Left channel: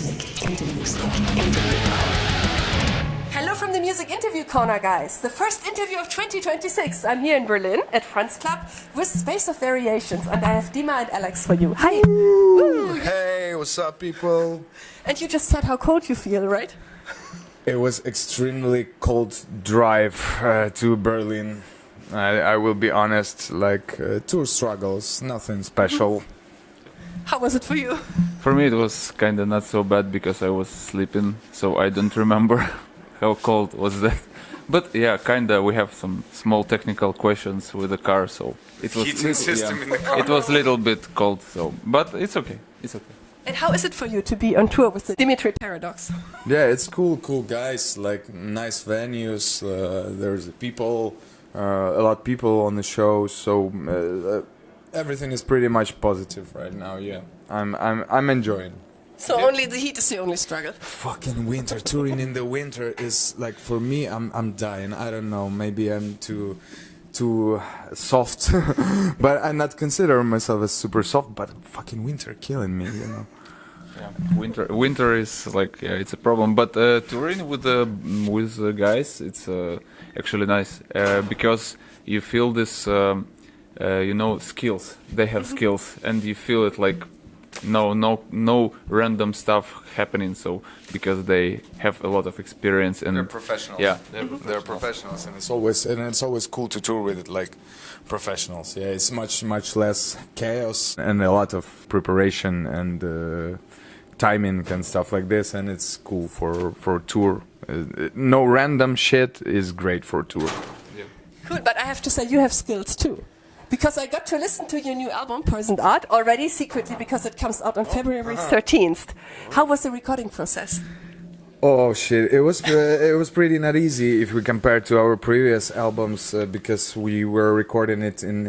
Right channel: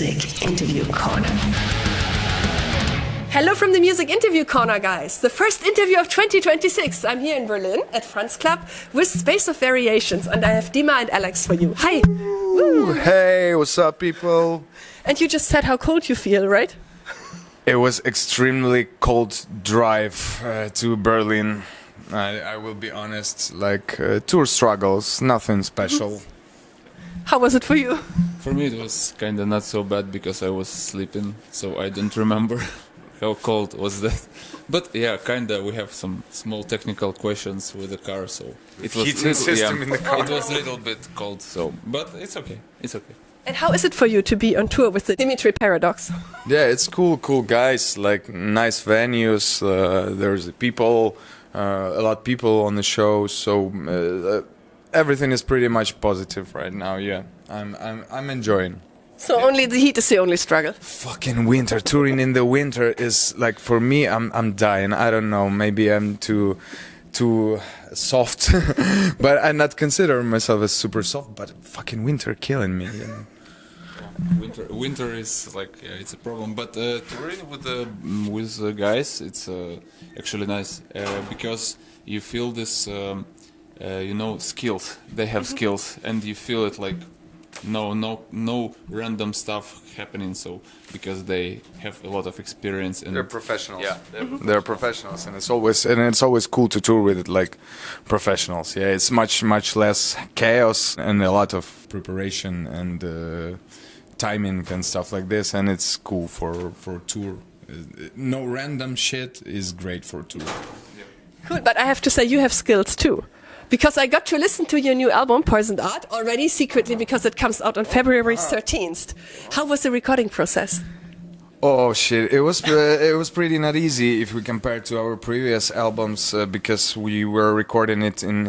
Music Interview Corner. Hello from the Music Interview Corner, guys. The first interview of 2026. I'm here in Berlin at Frannz Club with Space of Variations, and I have Dima and Alex for you. Hi. Ooh, hey, what's up, people? And you just said how cold you feel, right? It was extremely cold drive to Berlin. I will be honest, like tour struggles, nothing special. How was it for you? For me it was kinda not so bad because I was sleeping, so I don't remember how cold was that. But yeah, kinda we have some small technical questions with the car, so it was little bit cold, so but it's okay. It's okay. And how is it for you to be on tour with the DYMYTRY PARADOX? Yeah, it's cool guys, like nice venues, there's people, a lot of people on the show, so everything is pretty much positive right now, yeah. I'm enjoying. So only the heat is the only struggle. Fucking winter, touring in the winter is like, for me, I'm dying. I don't know, maybe I'm too soft, but I not consider myself as super soft, but fucking winter killing me, you know. Winter is like, yeah, it's a problem, but touring with the guys, it's actually nice because you feel this skills. They have skills and you feel it like no random stuff happening, so because they have a lot of experience and they're professionals. Yeah, they're professionals, and it's always cool to tour with like professionals. Yeah, it's much less chaos and a lot of preparation and timing and stuff like this, and it's cool for tour. No random shit is great for tour. Good, but I have to say you have skills too. Because I got to listen to your new album, Poisoned Art, already secretly because it comes out on February 13th. How was the recording process? Oh shit, it was pretty not easy if we compare to our previous albums because we were recording it in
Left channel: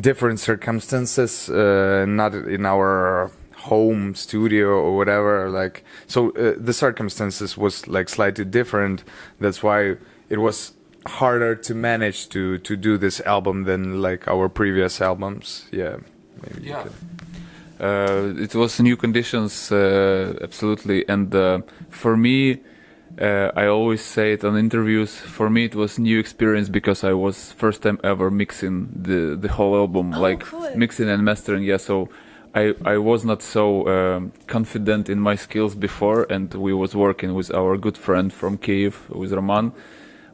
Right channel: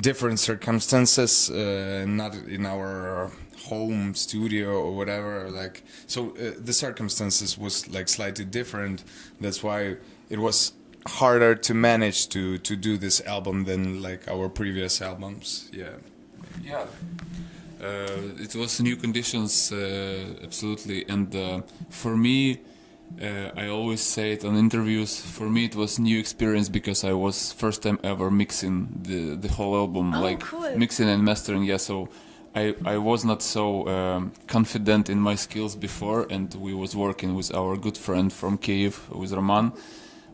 different circumstances, not in our home studio or whatever, like, so the circumstances was like slightly different. That's why it was harder to manage to do this album than like our previous albums. Yeah, maybe you could. It was new conditions, absolutely, and for me, I always say it on interviews, for me it was new experience because I was first time ever mixing the whole album, like mixing and mastering, yeah, so I was not so confident in my skills before, and we was working with our good friend from Kyiv, with Roman.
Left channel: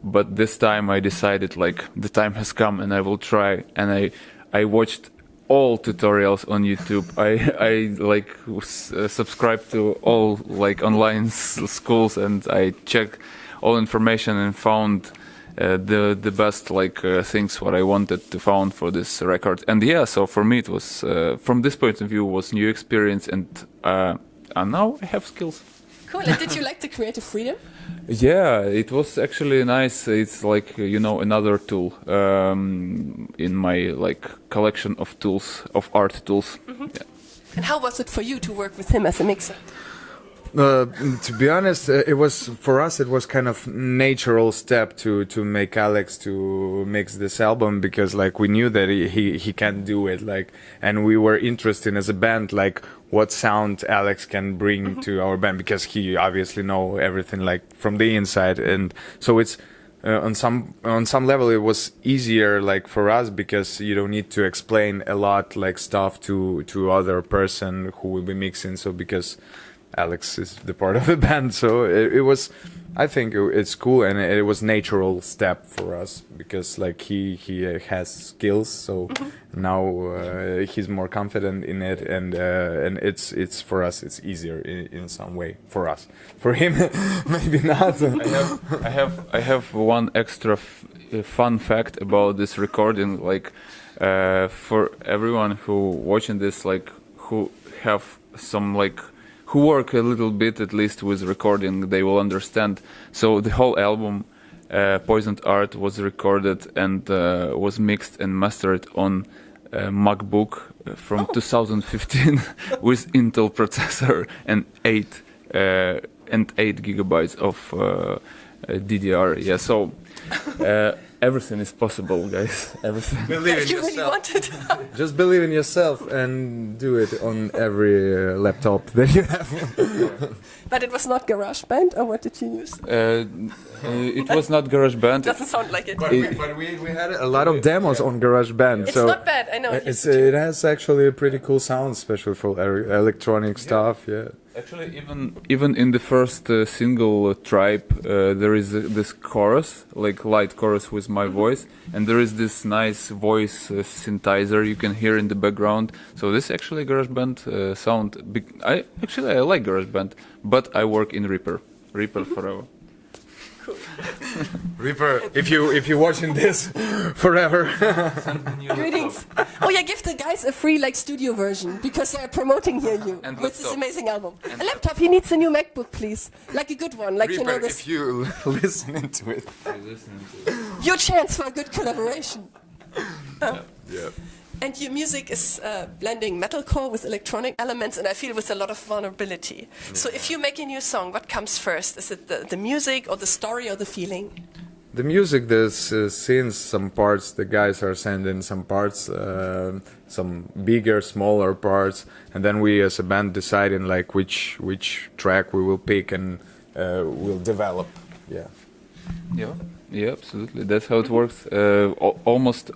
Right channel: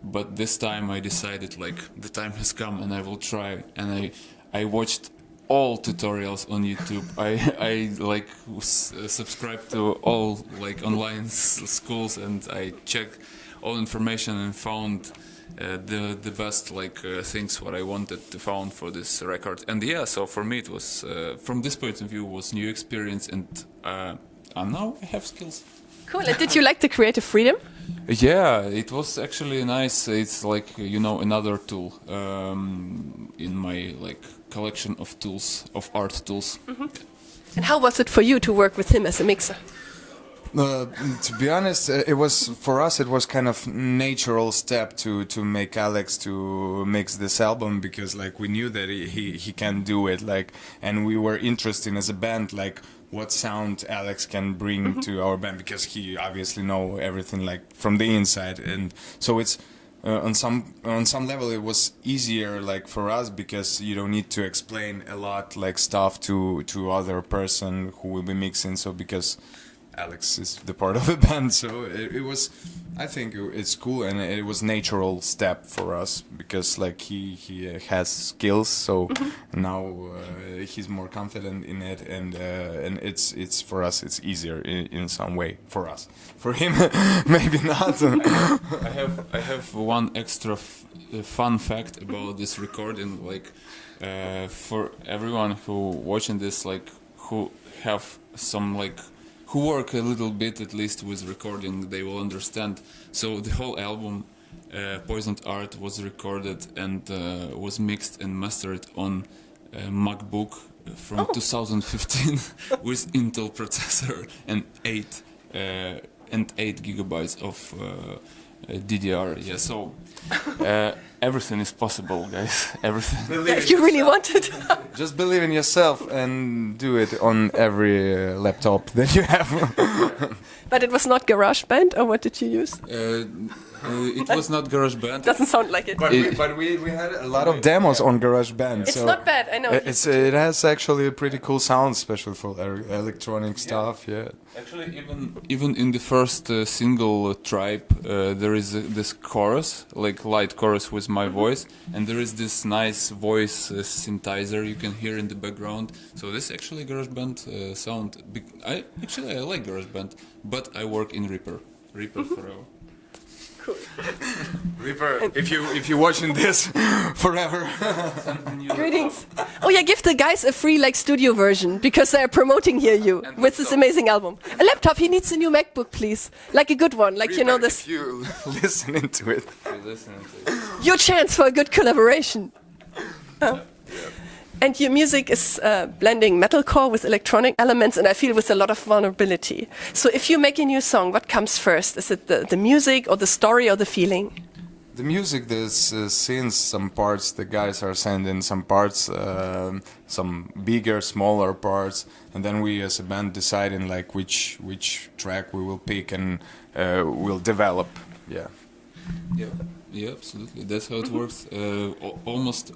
But this time I decided like the time has come and I will try, and I watched all tutorials on YouTube. I like subscribed to all like online schools, and I checked all information and found the best like things what I wanted to found for this record. And yeah, so for me it was from this point of view was new experience, and now I have skills. Cool. Did you like the creative freedom? Yeah, it was actually nice. It's like, another tool in my like collection of tools, of art tools. Mm-hmm. Yeah. How was it for you to work with him as a mixer? To be honest, it was for us. It was kind of natural step to make Alex to mix this album, because like we knew that he can do it, like, and we were interested as a band, like what sound Alex can bring to our band, because he obviously know everything like from the inside, and so it's on some level it was easier like for us, because you don't need to explain a lot like stuff to other person who will be mixing. So because Alex is the part of the band, so it was, I think it's cool, and it was natural step for us, because like he has skills, so now he's more confident in it, and it's for us it's easier in some way for us. For him, maybe not. I have one extra fun fact about this recording, like for everyone who watching this, like who have some like who work a little bit at least with recording, they will understand. So the whole album, Poisoned Art, was recorded and was mixed and mastered on MacBook from 2015 with Intel processor and 8 gigabytes of DDR. Yeah, so everything is possible, guys. Everything. You really want it? Just believe in yourself and do it on every laptop that you have. But it was not GarageBand, or what did you use? It was not GarageBand. Doesn't sound like it. But we had a lot of demos on GarageBand, so not bad, I know. it has actually a pretty cool sound, especially for electronic stuff. Yeah. Actually, even in the first single Tribe, there is this chorus, like light chorus with my voice, and there is this nice voice synthesizer you can hear in the background. So this is actually GarageBand sound. I like GarageBand, but I work in Reaper forever. Reaper, if you're watching this forever. Oh yeah, give the guys a free studio version because they're promoting here you with this amazing album. A laptop. He needs a new MacBook, please, like a good one, this. You listening to it. Your chance for a good collaboration. And your music is blending metalcore with electronic elements, and I feel with a lot of vulnerability. So if you make a new song, what comes first? Is it the music or the story or the feeling? The music, there's scenes, some parts the guys are sending, some parts, some bigger, smaller parts, and then we as a band deciding which track we will pick and we'll develop. Yeah. Yeah, absolutely. That's how it works. Almost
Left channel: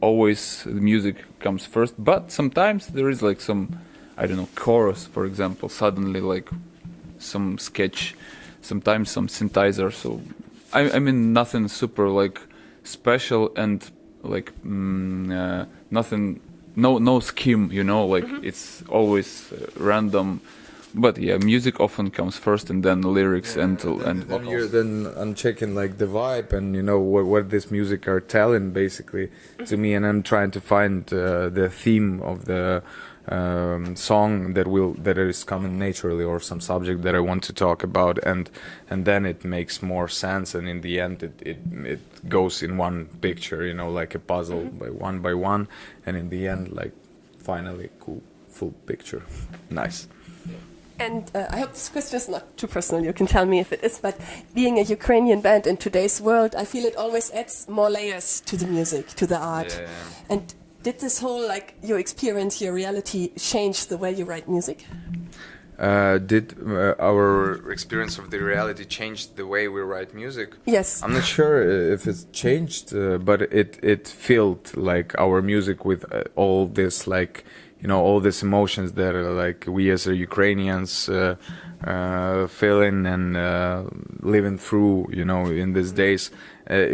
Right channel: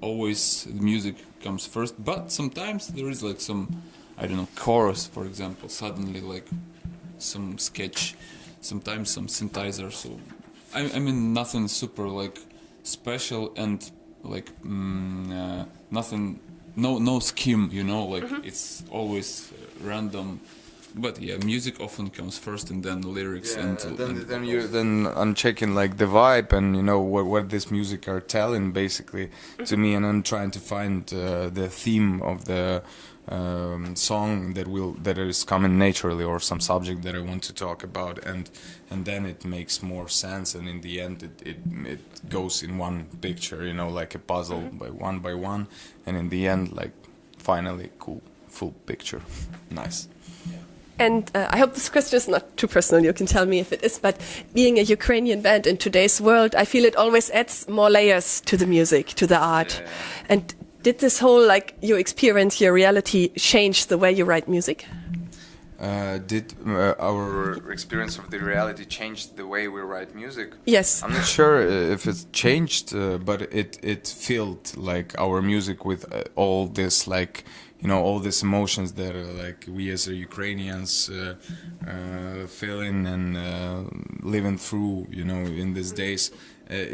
always the music comes first, but sometimes there is some, I don't know, chorus, for example, suddenly some sketch, sometimes some synthesizer. So I mean nothing super special and nothing, no scheme, it's always random. But yeah, music often comes first, and then lyrics and vocals. Then I'm checking the vibe and what this music are telling basically to me, and I'm trying to find the theme of the song that is coming naturally, or some subject that I want to talk about, and then it makes more sense, and in the end it goes in one picture, like a puzzle by one, and in the end finally cool full picture. Nice. And I hope this question is not too personal. You can tell me if it is. But being a Ukrainian band in today's world, I feel it always adds more layers to the music, to the art. Yeah. And did this whole your experience, your reality, change the way you write music? Did our experience of the reality change the way we write music? Yes. I'm not sure if it's changed, but it filled our music with all this all these emotions that we as Ukrainians feeling and living through, in these days. I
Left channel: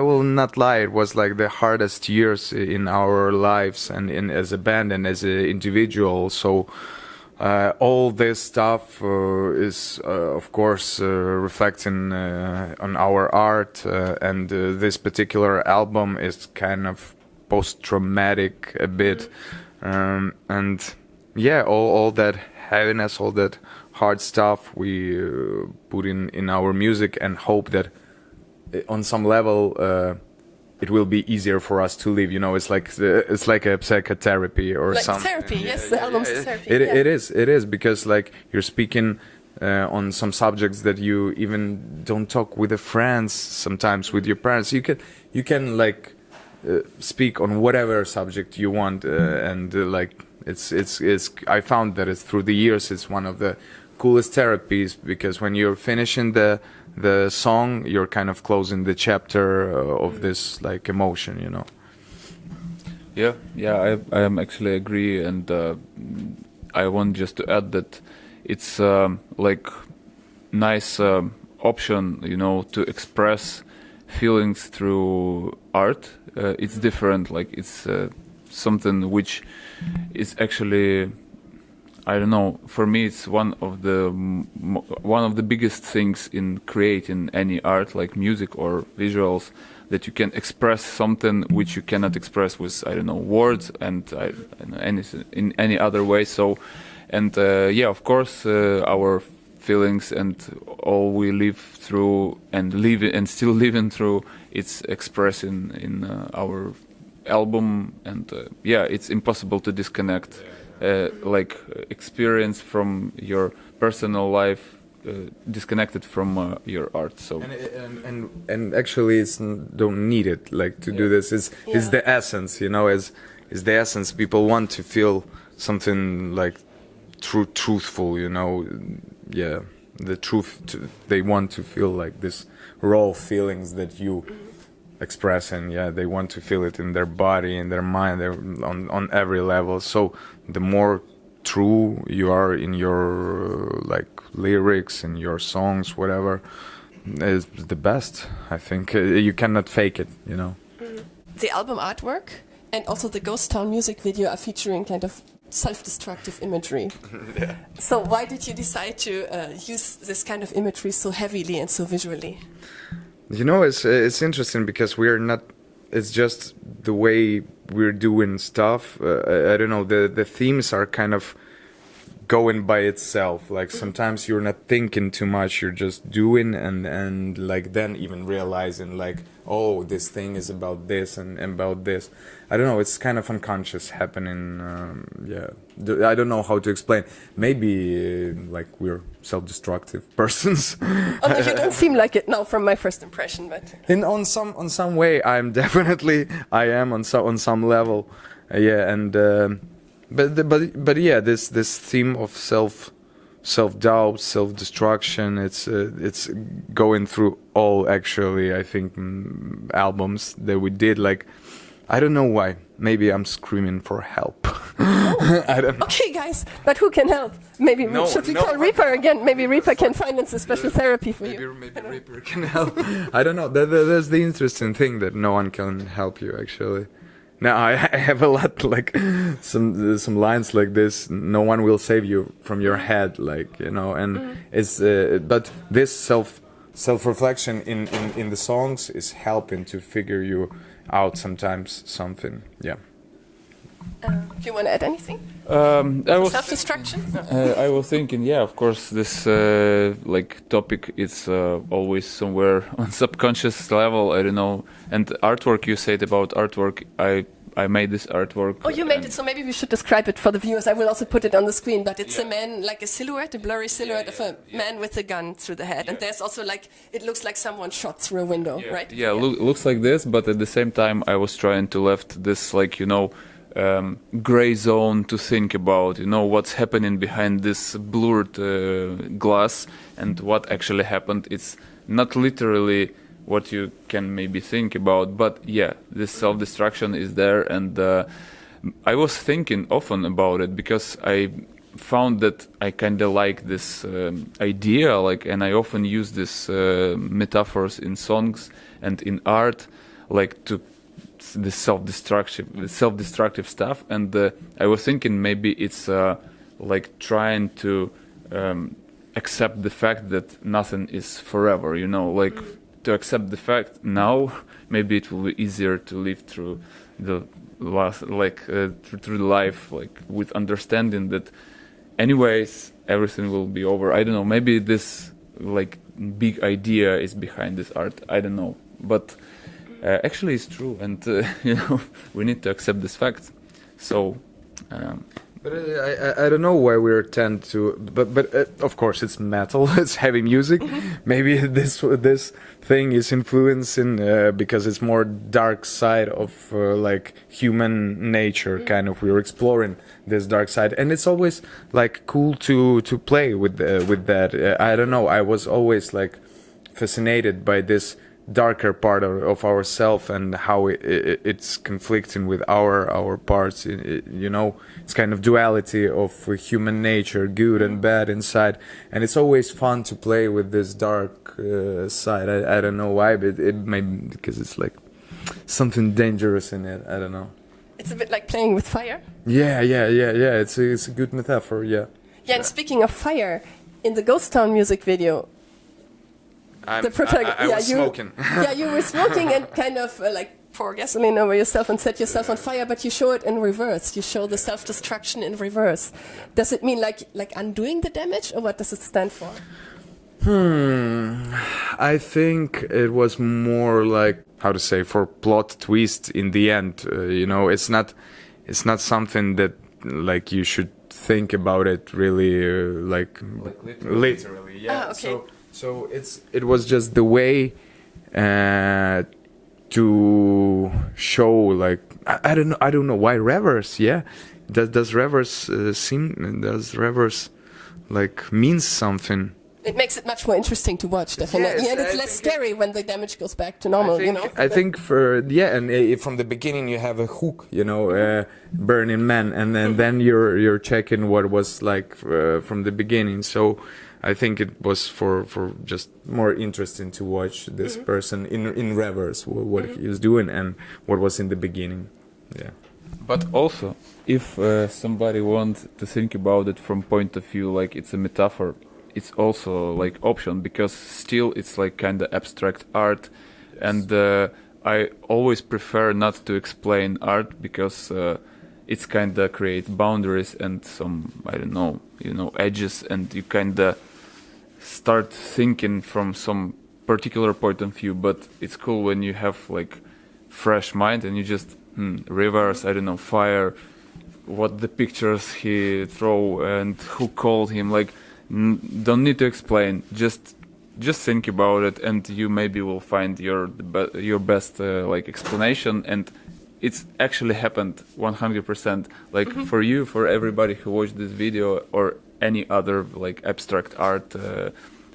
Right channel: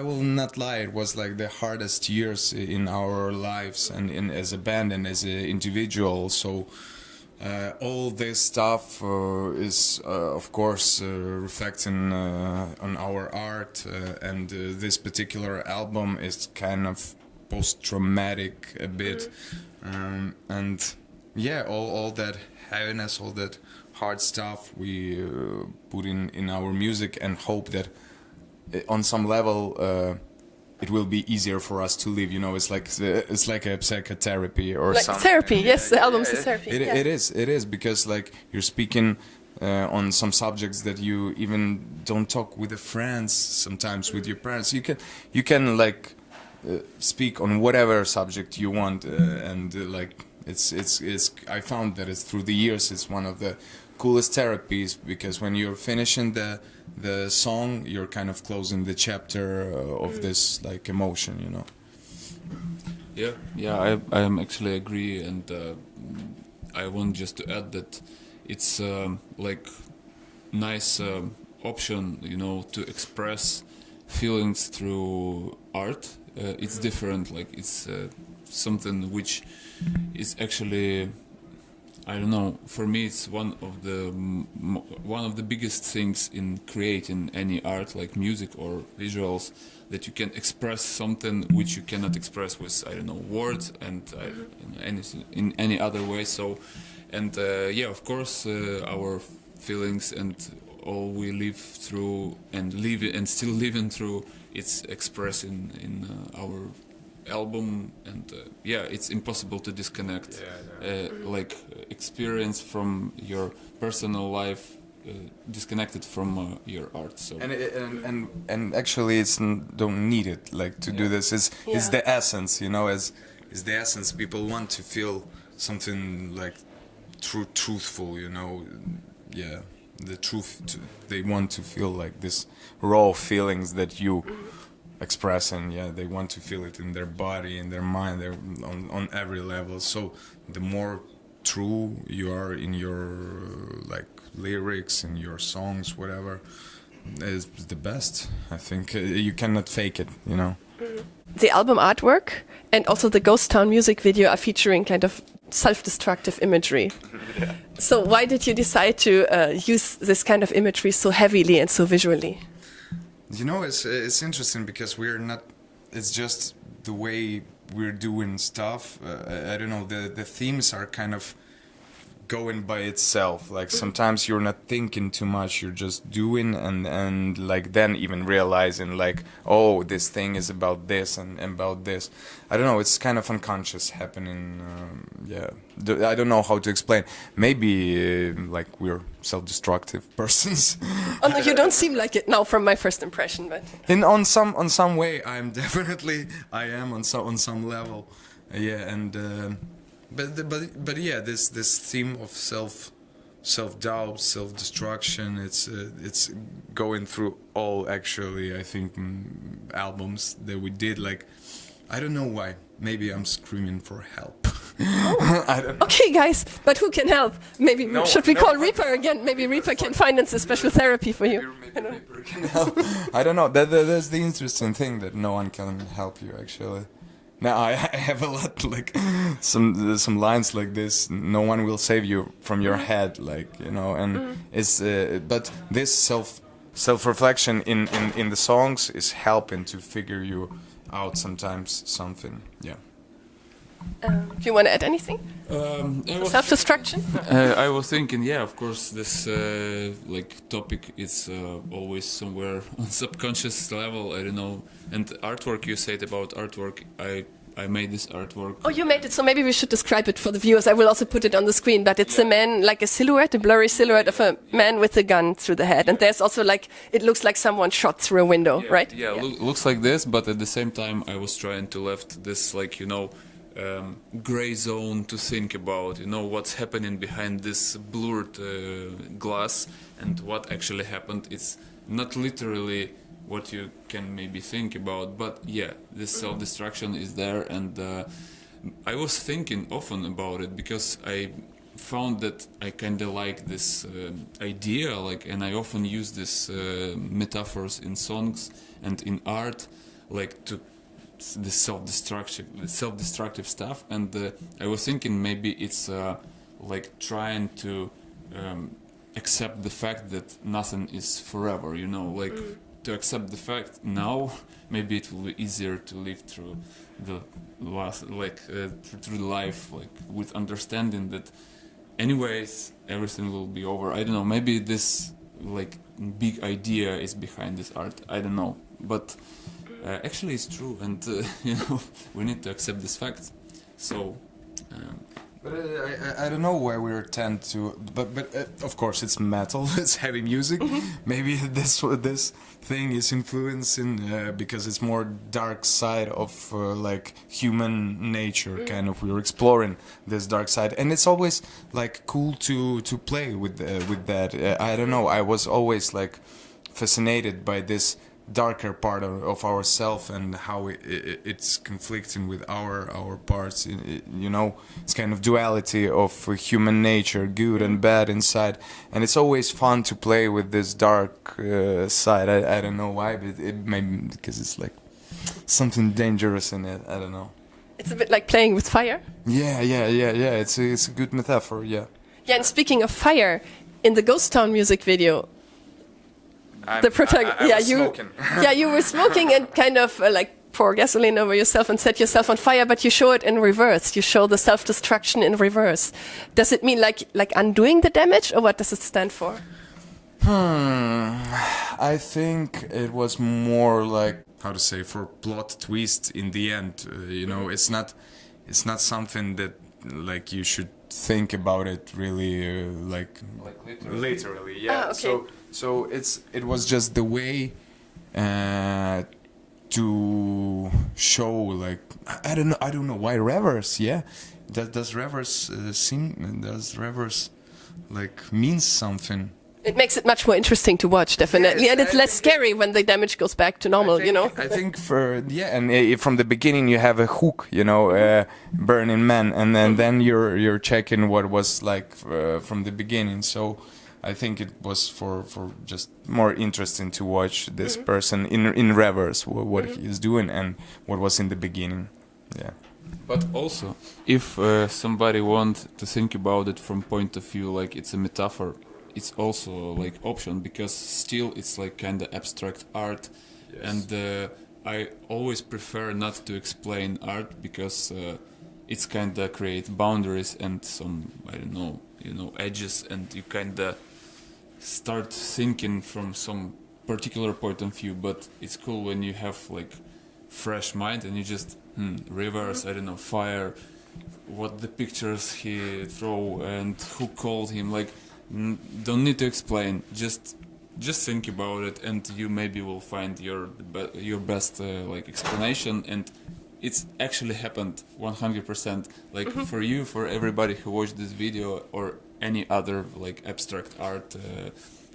will not lie, it was the hardest years in our lives and as a band and as an individual. So all this stuff is of course reflecting on our art, and this particular album is kind of post-traumatic a bit, and yeah, all that heaviness, all that hard stuff we put in our music, and hope that on some level it will be easier for us to live. It's like a psychotherapy or something. Therapy, yes, the album's a therapy. It is because you're speaking on some subjects that you even don't talk with the friends, sometimes with your parents. You can speak on whatever subject you want, and it's I found that it's through the years it's one of the coolest therapies, because when you're finishing the song, you're kind of closing the chapter of this emotion, Yeah, I am actually agree, and I want just to add that it's nice option, to express feelings through art. It's different, it's something which is actually, I don't know, for me it's one of the biggest things in creating any art, like music or visuals, that you can express something which you cannot express with, I don't know, words and anything in any other way. So, and yeah, of course, our feelings and all we live through and still living through, it's expressing in our album, and yeah, it's impossible to disconnect. Experience from your personal life disconnected from your art. So and actually, don't need it like to do this. Is the essence, you know, is the essence. People want to feel something like truthful, you know. Yeah, the truth. They want to feel like this raw feelings that you express, and yeah, they want to feel it in their body, in their mind, on every level. So the more true you are in your like lyrics, in your songs, whatever, is the best. I think you cannot fake it, you know. The album artwork and also the Ghost Town music video are featuring kind of self-destructive imagery. So why did you decide to use this kind of imagery so heavily and so visually? You know, it's interesting because we're not. It's just the way we're doing stuff. I don't know. The themes are kind of going by itself. Like sometimes you're not thinking too much. You're just doing, and like then even realizing like, oh, this thing is about this and about this. I don't know. It's kind of unconscious happening. Yeah, I don't know how to explain. Maybe like we're self-destructive persons. Oh, you don't seem like it now from my first impression. But. On some way, I am on some level. Yeah, and but yeah, this theme of self-doubt, self-destruction, it's going through all, actually, I think, albums that we did. Like, I don't know why. Maybe I'm screaming for help. I don't know. Okay, guys, but who can help? Maybe should we call Reaper again? Maybe Reaper can finance a special therapy for you. Maybe Reaper can help. I don't know. That's the interesting thing, that no one can help you, actually. Now I have a lot, like some lines like this. No one will save you from your head, like, you know. And it's but this self-reflection in the songs is helping to figure you out sometimes something. Yeah. Do you want to add anything? Self-destruction? I was thinking, yeah, of course, this like topic is always somewhere on subconscious level. I don't know. And artwork, you said about artwork, I made this artwork. Oh, you made it, so maybe we should describe it for the viewers. I will also put it on the screen, but it's a man, like a silhouette, a blurry silhouette of a man with a gun through the head. And there's also like, it looks like someone shot through a window, right? Yeah, looks like this, but at the same time, I was trying to left this, like, you know, gray zone to think about, you know, what's happening behind this blurred glass and what actually happened. It's not literally what you can maybe think about, but yeah, this self-destruction is there. And I was thinking often about it because I found that I kind of like this idea, like, and I often use this metaphors in songs and in art, like to the self-destructive stuff. And I was thinking maybe it's like trying to accept the fact that nothing is forever, you know, like to accept the fact now, maybe it will be easier to live through the last, like through the life, like with understanding that anyways everything will be over. I don't know, maybe this like big idea is behind this art, I don't know, but actually it's true, and you know, we need to accept this fact. So but I don't know why we tend to, but of course it's metal, it's heavy music. Maybe this thing is influencing because it's more dark side of like human nature, kind of. We're exploring this dark side, and it's always like cool to play with that. I don't know. I was always like fascinated by this darker part of ourself and how it's conflicting with our parts. You know, it's kind of duality of human nature, good and bad inside, and it's always fun to play with this dark side. I don't know why, but it may be because it's like something dangerous in it. I don't know. It's a bit like playing with fire. Yeah. It's a good metaphor. Yeah. Yeah. And speaking of fire, in the Ghost Town music video, the protagonist, you were smoking and kind of like pour gasoline over yourself and set yourself on fire, but you show it in reverse. You show the self-destruction in reverse. Does it mean like undoing the damage, or what does it stand for? I think it was more like, how to say, for plot twist in the end. You know, it's not something that like you should think about it really like literally. Yeah. So it was just the way to show, like, I don't know why reverse. Yeah, does reverse does reverse like means something? It makes it much more interesting to watch, definitely, and it's less scary when the damage goes back to normal. I think from the beginning you have a hook, Burning Man, and then you're checking what was like from the beginning. So I think it was for just more interesting to watch this person in reverse, what he is doing and what was in the beginning. Yeah. But also, if somebody want to think about it from point of view like it's a metaphor, it's also like option, because still it's like kind of abstract art. Yes. And I always prefer not to explain art, because it's kind of create boundaries and some, I don't know, edges, and you kind of start thinking from some particular point of view. But it's cool when you have like fresh mind and you just reverse, I don't know, fire, what the pictures he throw and who called him, like don't need to explain, just think about it, and you maybe will find your best like explanation. And it's actually happened 100%, like for you, for everybody who watched this video or any other like abstract art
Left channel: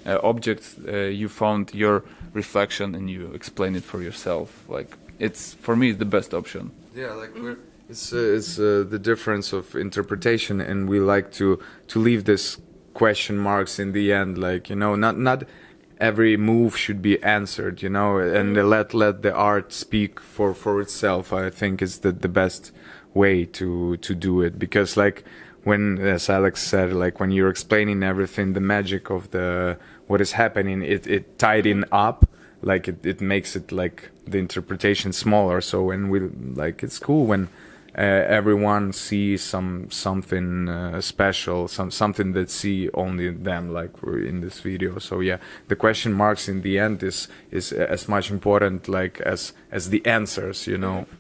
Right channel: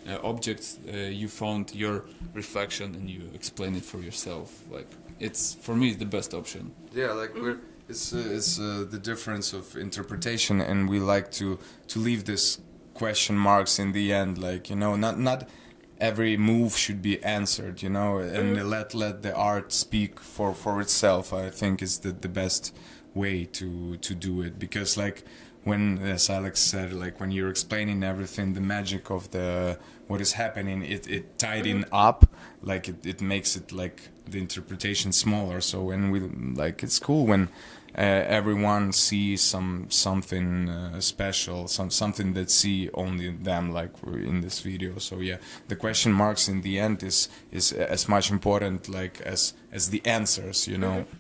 objects, you found your reflection and you explain it for yourself. Like it's, for me, it's the best option. Yeah, like it's the difference of interpretation, and we like to leave this question marks in the end, like, not every move should be answered, and let the art speak for itself. I think is the best way to do it, because like when, as Alex said, like when you're explaining everything, the magic of what is happening, it tied in up, like it makes it like the interpretation smaller. So when we like, it's cool when everyone sees something special, something that see only them, like in this video. So yeah, the question marks in the end is as much important like as the answers,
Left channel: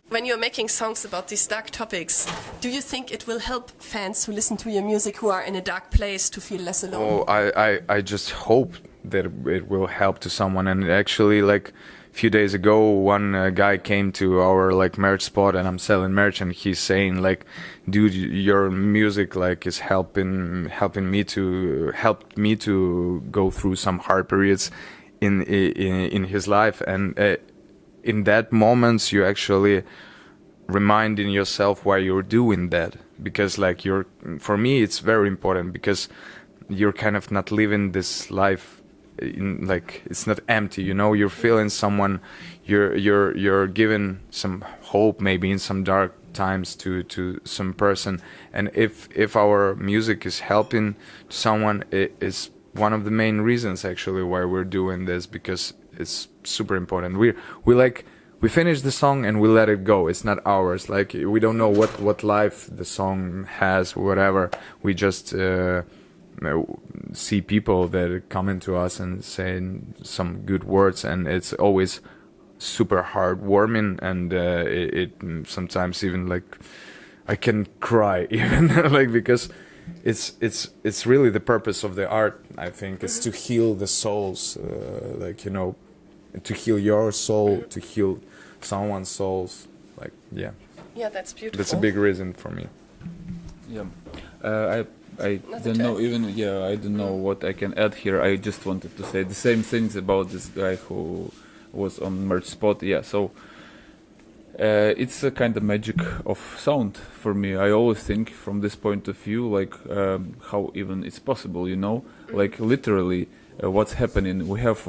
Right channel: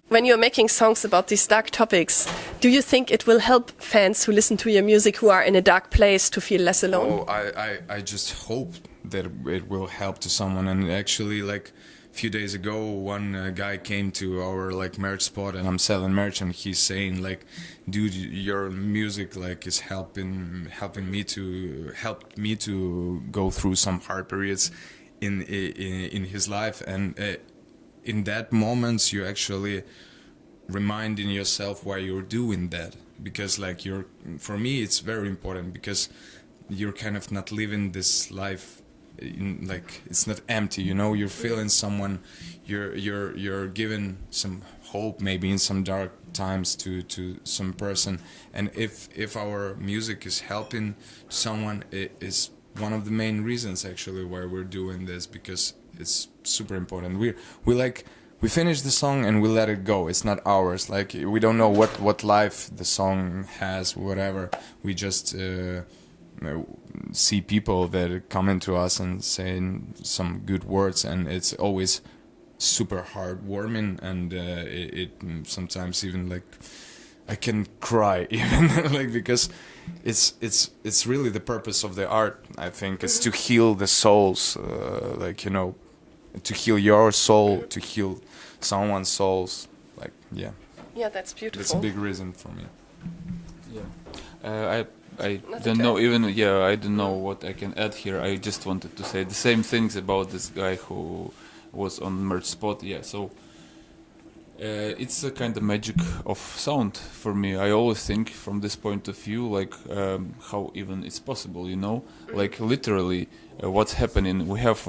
When you're making songs about these dark topics, do you think it will help fans who listen to your music who are in a dark place to feel less alone? Oh, I just hope that it will help to someone. And actually, like a few days ago, one guy came to our like merch spot, and I'm selling merch, and he's saying like, dude, your music like is helping me to go through some hard periods in his life. And in that moments, you actually reminding yourself why you're doing that, because like for me it's very important, because you're kind of not living this life like it's not empty, you're feeling someone, you're giving some hope maybe in some dark times to some person. And if our music is helping someone, it is one of the main reasons actually why we're doing this, because it's super important. We finish the song and we let it go. It's not ours. Like we don't know what life the song has, whatever. We just see people that come into us and saying some good words, and it's always super heartwarming. And it sometimes even like I can cry even like, because it's really the purpose of the art. I think it's to heal the souls, to heal your soul, to heal someone's souls. Like, yeah, that's beautiful. That's a big reason for me. Yeah, I don't know even, I don't know what I can add here. I just wanted to say the same things about this guy who was on merch spot. Yeah, so it's a kind of magic of sound for me. I always think from this point of view, like how even it's possible, like literally what's happening. We have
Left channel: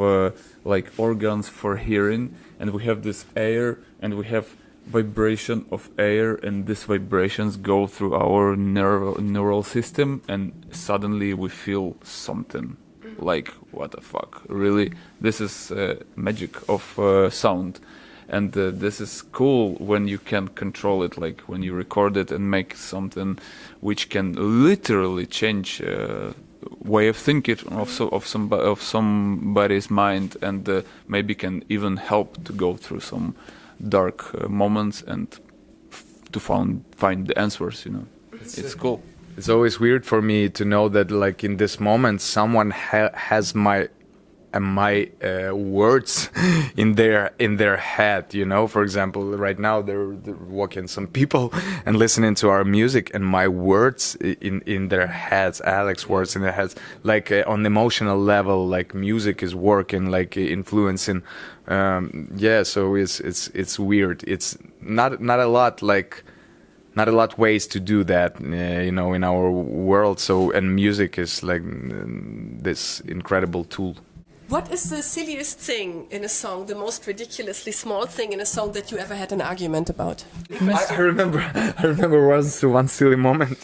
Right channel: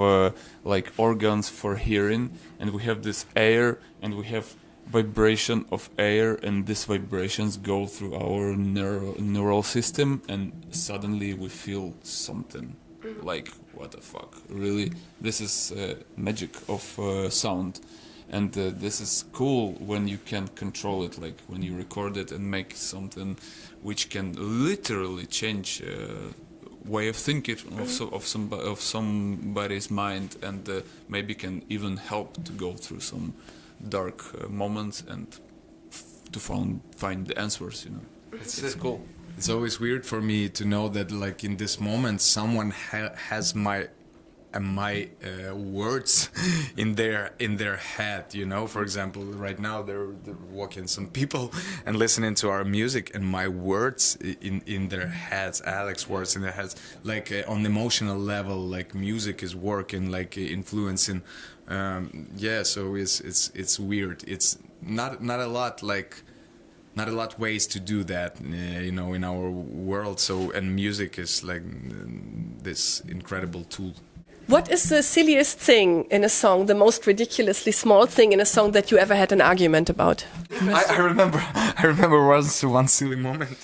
like organs for hearing, and we have this air, and we have vibration of air, and these vibrations go through our neural system, and suddenly we feel something. Like, what the fuck, really? This is magic of sound. And this is cool when you can control it, like when you record it and make something which can literally change way of thinking of somebody's mind, and maybe can even help to go through some dark moments and to find the answers. It's cool. it's always weird for me to know that like in this moment someone has my words in their head, you know. For example, right now they're walking some people and listening to our music, and my words in their heads, Alex words in their heads, like on emotional level, like music is working, like influencing. Yeah, so it's weird. It's not a lot like. Not a lot ways to do that, you know, in our world. So, and music is like this incredible tool. What is the silliest thing in a song, the most ridiculously small thing in a song that you ever had an argument about? I remember one silly moment.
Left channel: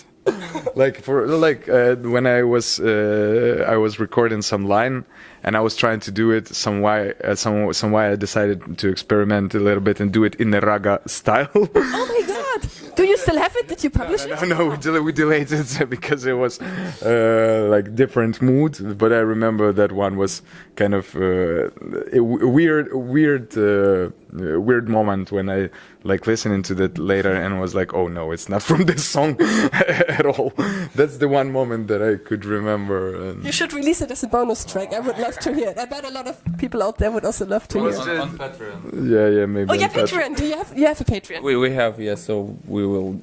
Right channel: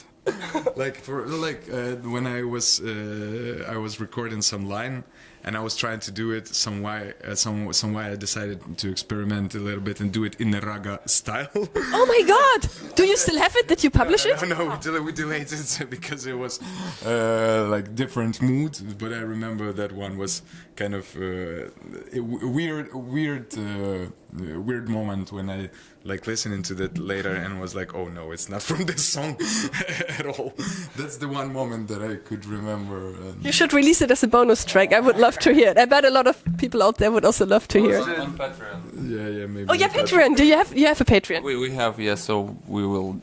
When I was recording some line, and I was trying to do it some way I decided to experiment a little bit and do it in the raga style. Oh my God! Do you still have it? Did you publish it? No, we delayed it because it was like different mood. But I remember that one was kind of a weird moment when I like listening to that later and was like, oh no, it's not from this song at all. That's the one moment that I could remember. And you should release it as a bonus track. I would love to hear it. I bet a lot of people out there would also love to hear it. On Patreon. Yeah, maybe Oh, yeah, on Patreon. Patreon. Do you have a Patreon? We have, yeah, so we will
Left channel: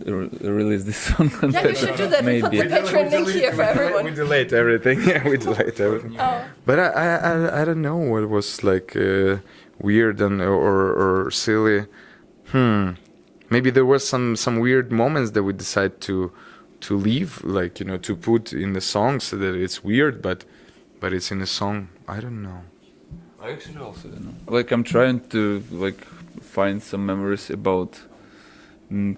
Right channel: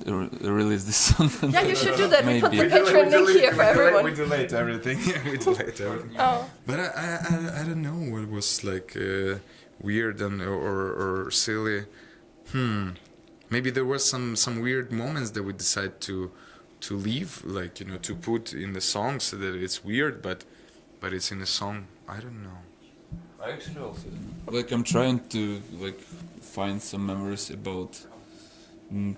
release this song on Patreon. Maybe. We delete everything. Yeah, we delete everything. But I don't know what was like weird and or silly. Maybe there was some weird moments that we decide to leave, like, you know, to put in the song so that it's weird, but it's in a song. I don't know. I actually also don't know. Like, I'm trying to like find some memories about, and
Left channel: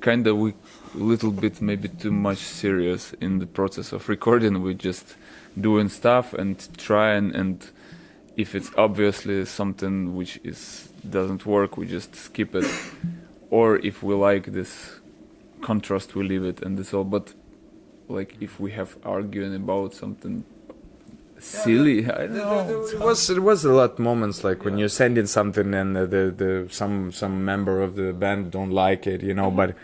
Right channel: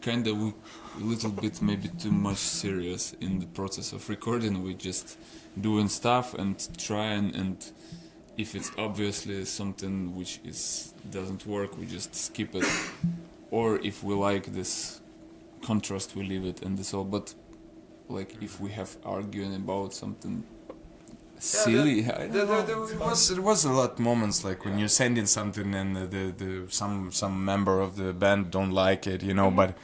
kind of we little bit maybe too much serious in the process of recording. We just doing stuff and trying, and if it's obviously something which doesn't work, we just skip it. Or if we like this contrast, we leave it, and this all. But like if we have arguing about something silly, I don't know. It was a lot moments like when you're sending something and some member of the band don't like it, you know, but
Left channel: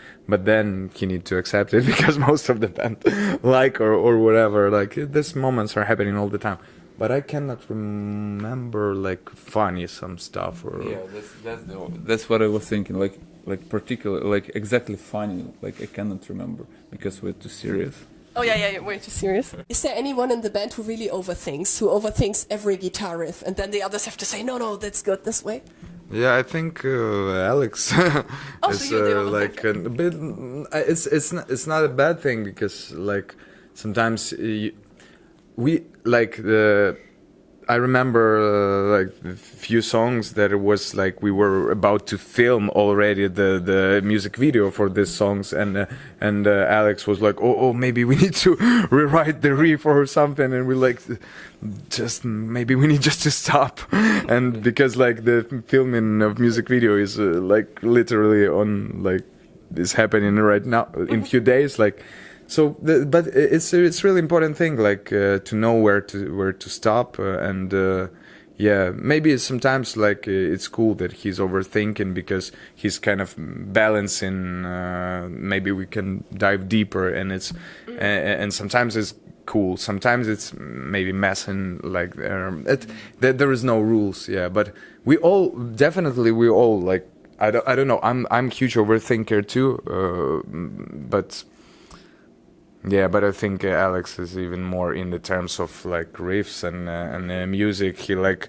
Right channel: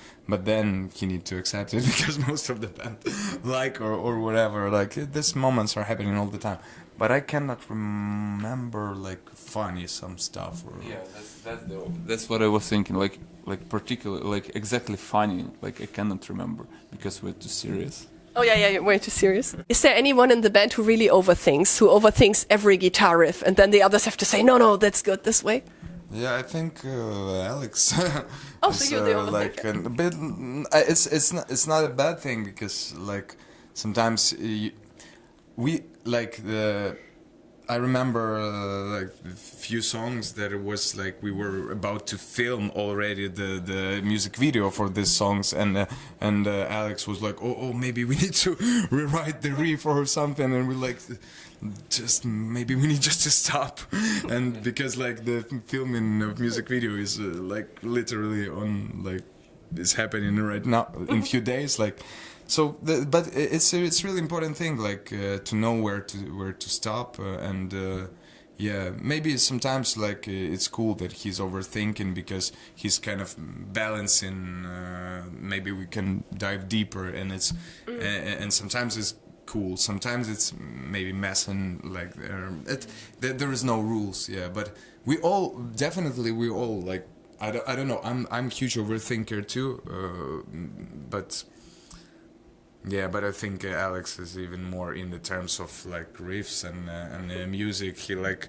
then you need to accept it because most of the band like or whatever. Like these moments are happening all the time. But I cannot remember like funny some stuff or. Yeah, that's what I was thinking. Like particular, like exactly funny. Like I cannot remember because we're too serious. Oh yeah, you're way too serious. Is there anyone in the band who really overthinks every guitar riff, and then the others have to say, no, that's good this way? Yeah, I think Alex is like a bit. It's not a bad thing because like sometimes we like the. I remember like a few songs that it was like we were about to film already the music video for these songs, and Alex was like, oh maybe we need to rewrite the riff or something, and we like just maybe we need just to stop, and because like the filming of music video is like literally on like is happening right now in few days, like. So, but it's really important thing, like to know where to stop, and yeah, maybe sometimes like it's cool that he's overthinking because he's kind of balancing. Maybe we can dive deeper, and and sometimes it's cool. Sometimes it's maybe messing. Like there is no rules, yeah. But we all like I don't know. I'm a huge overthinker too, but. Yeah, but I think Alex is even more in the terms of like riffs and music. He like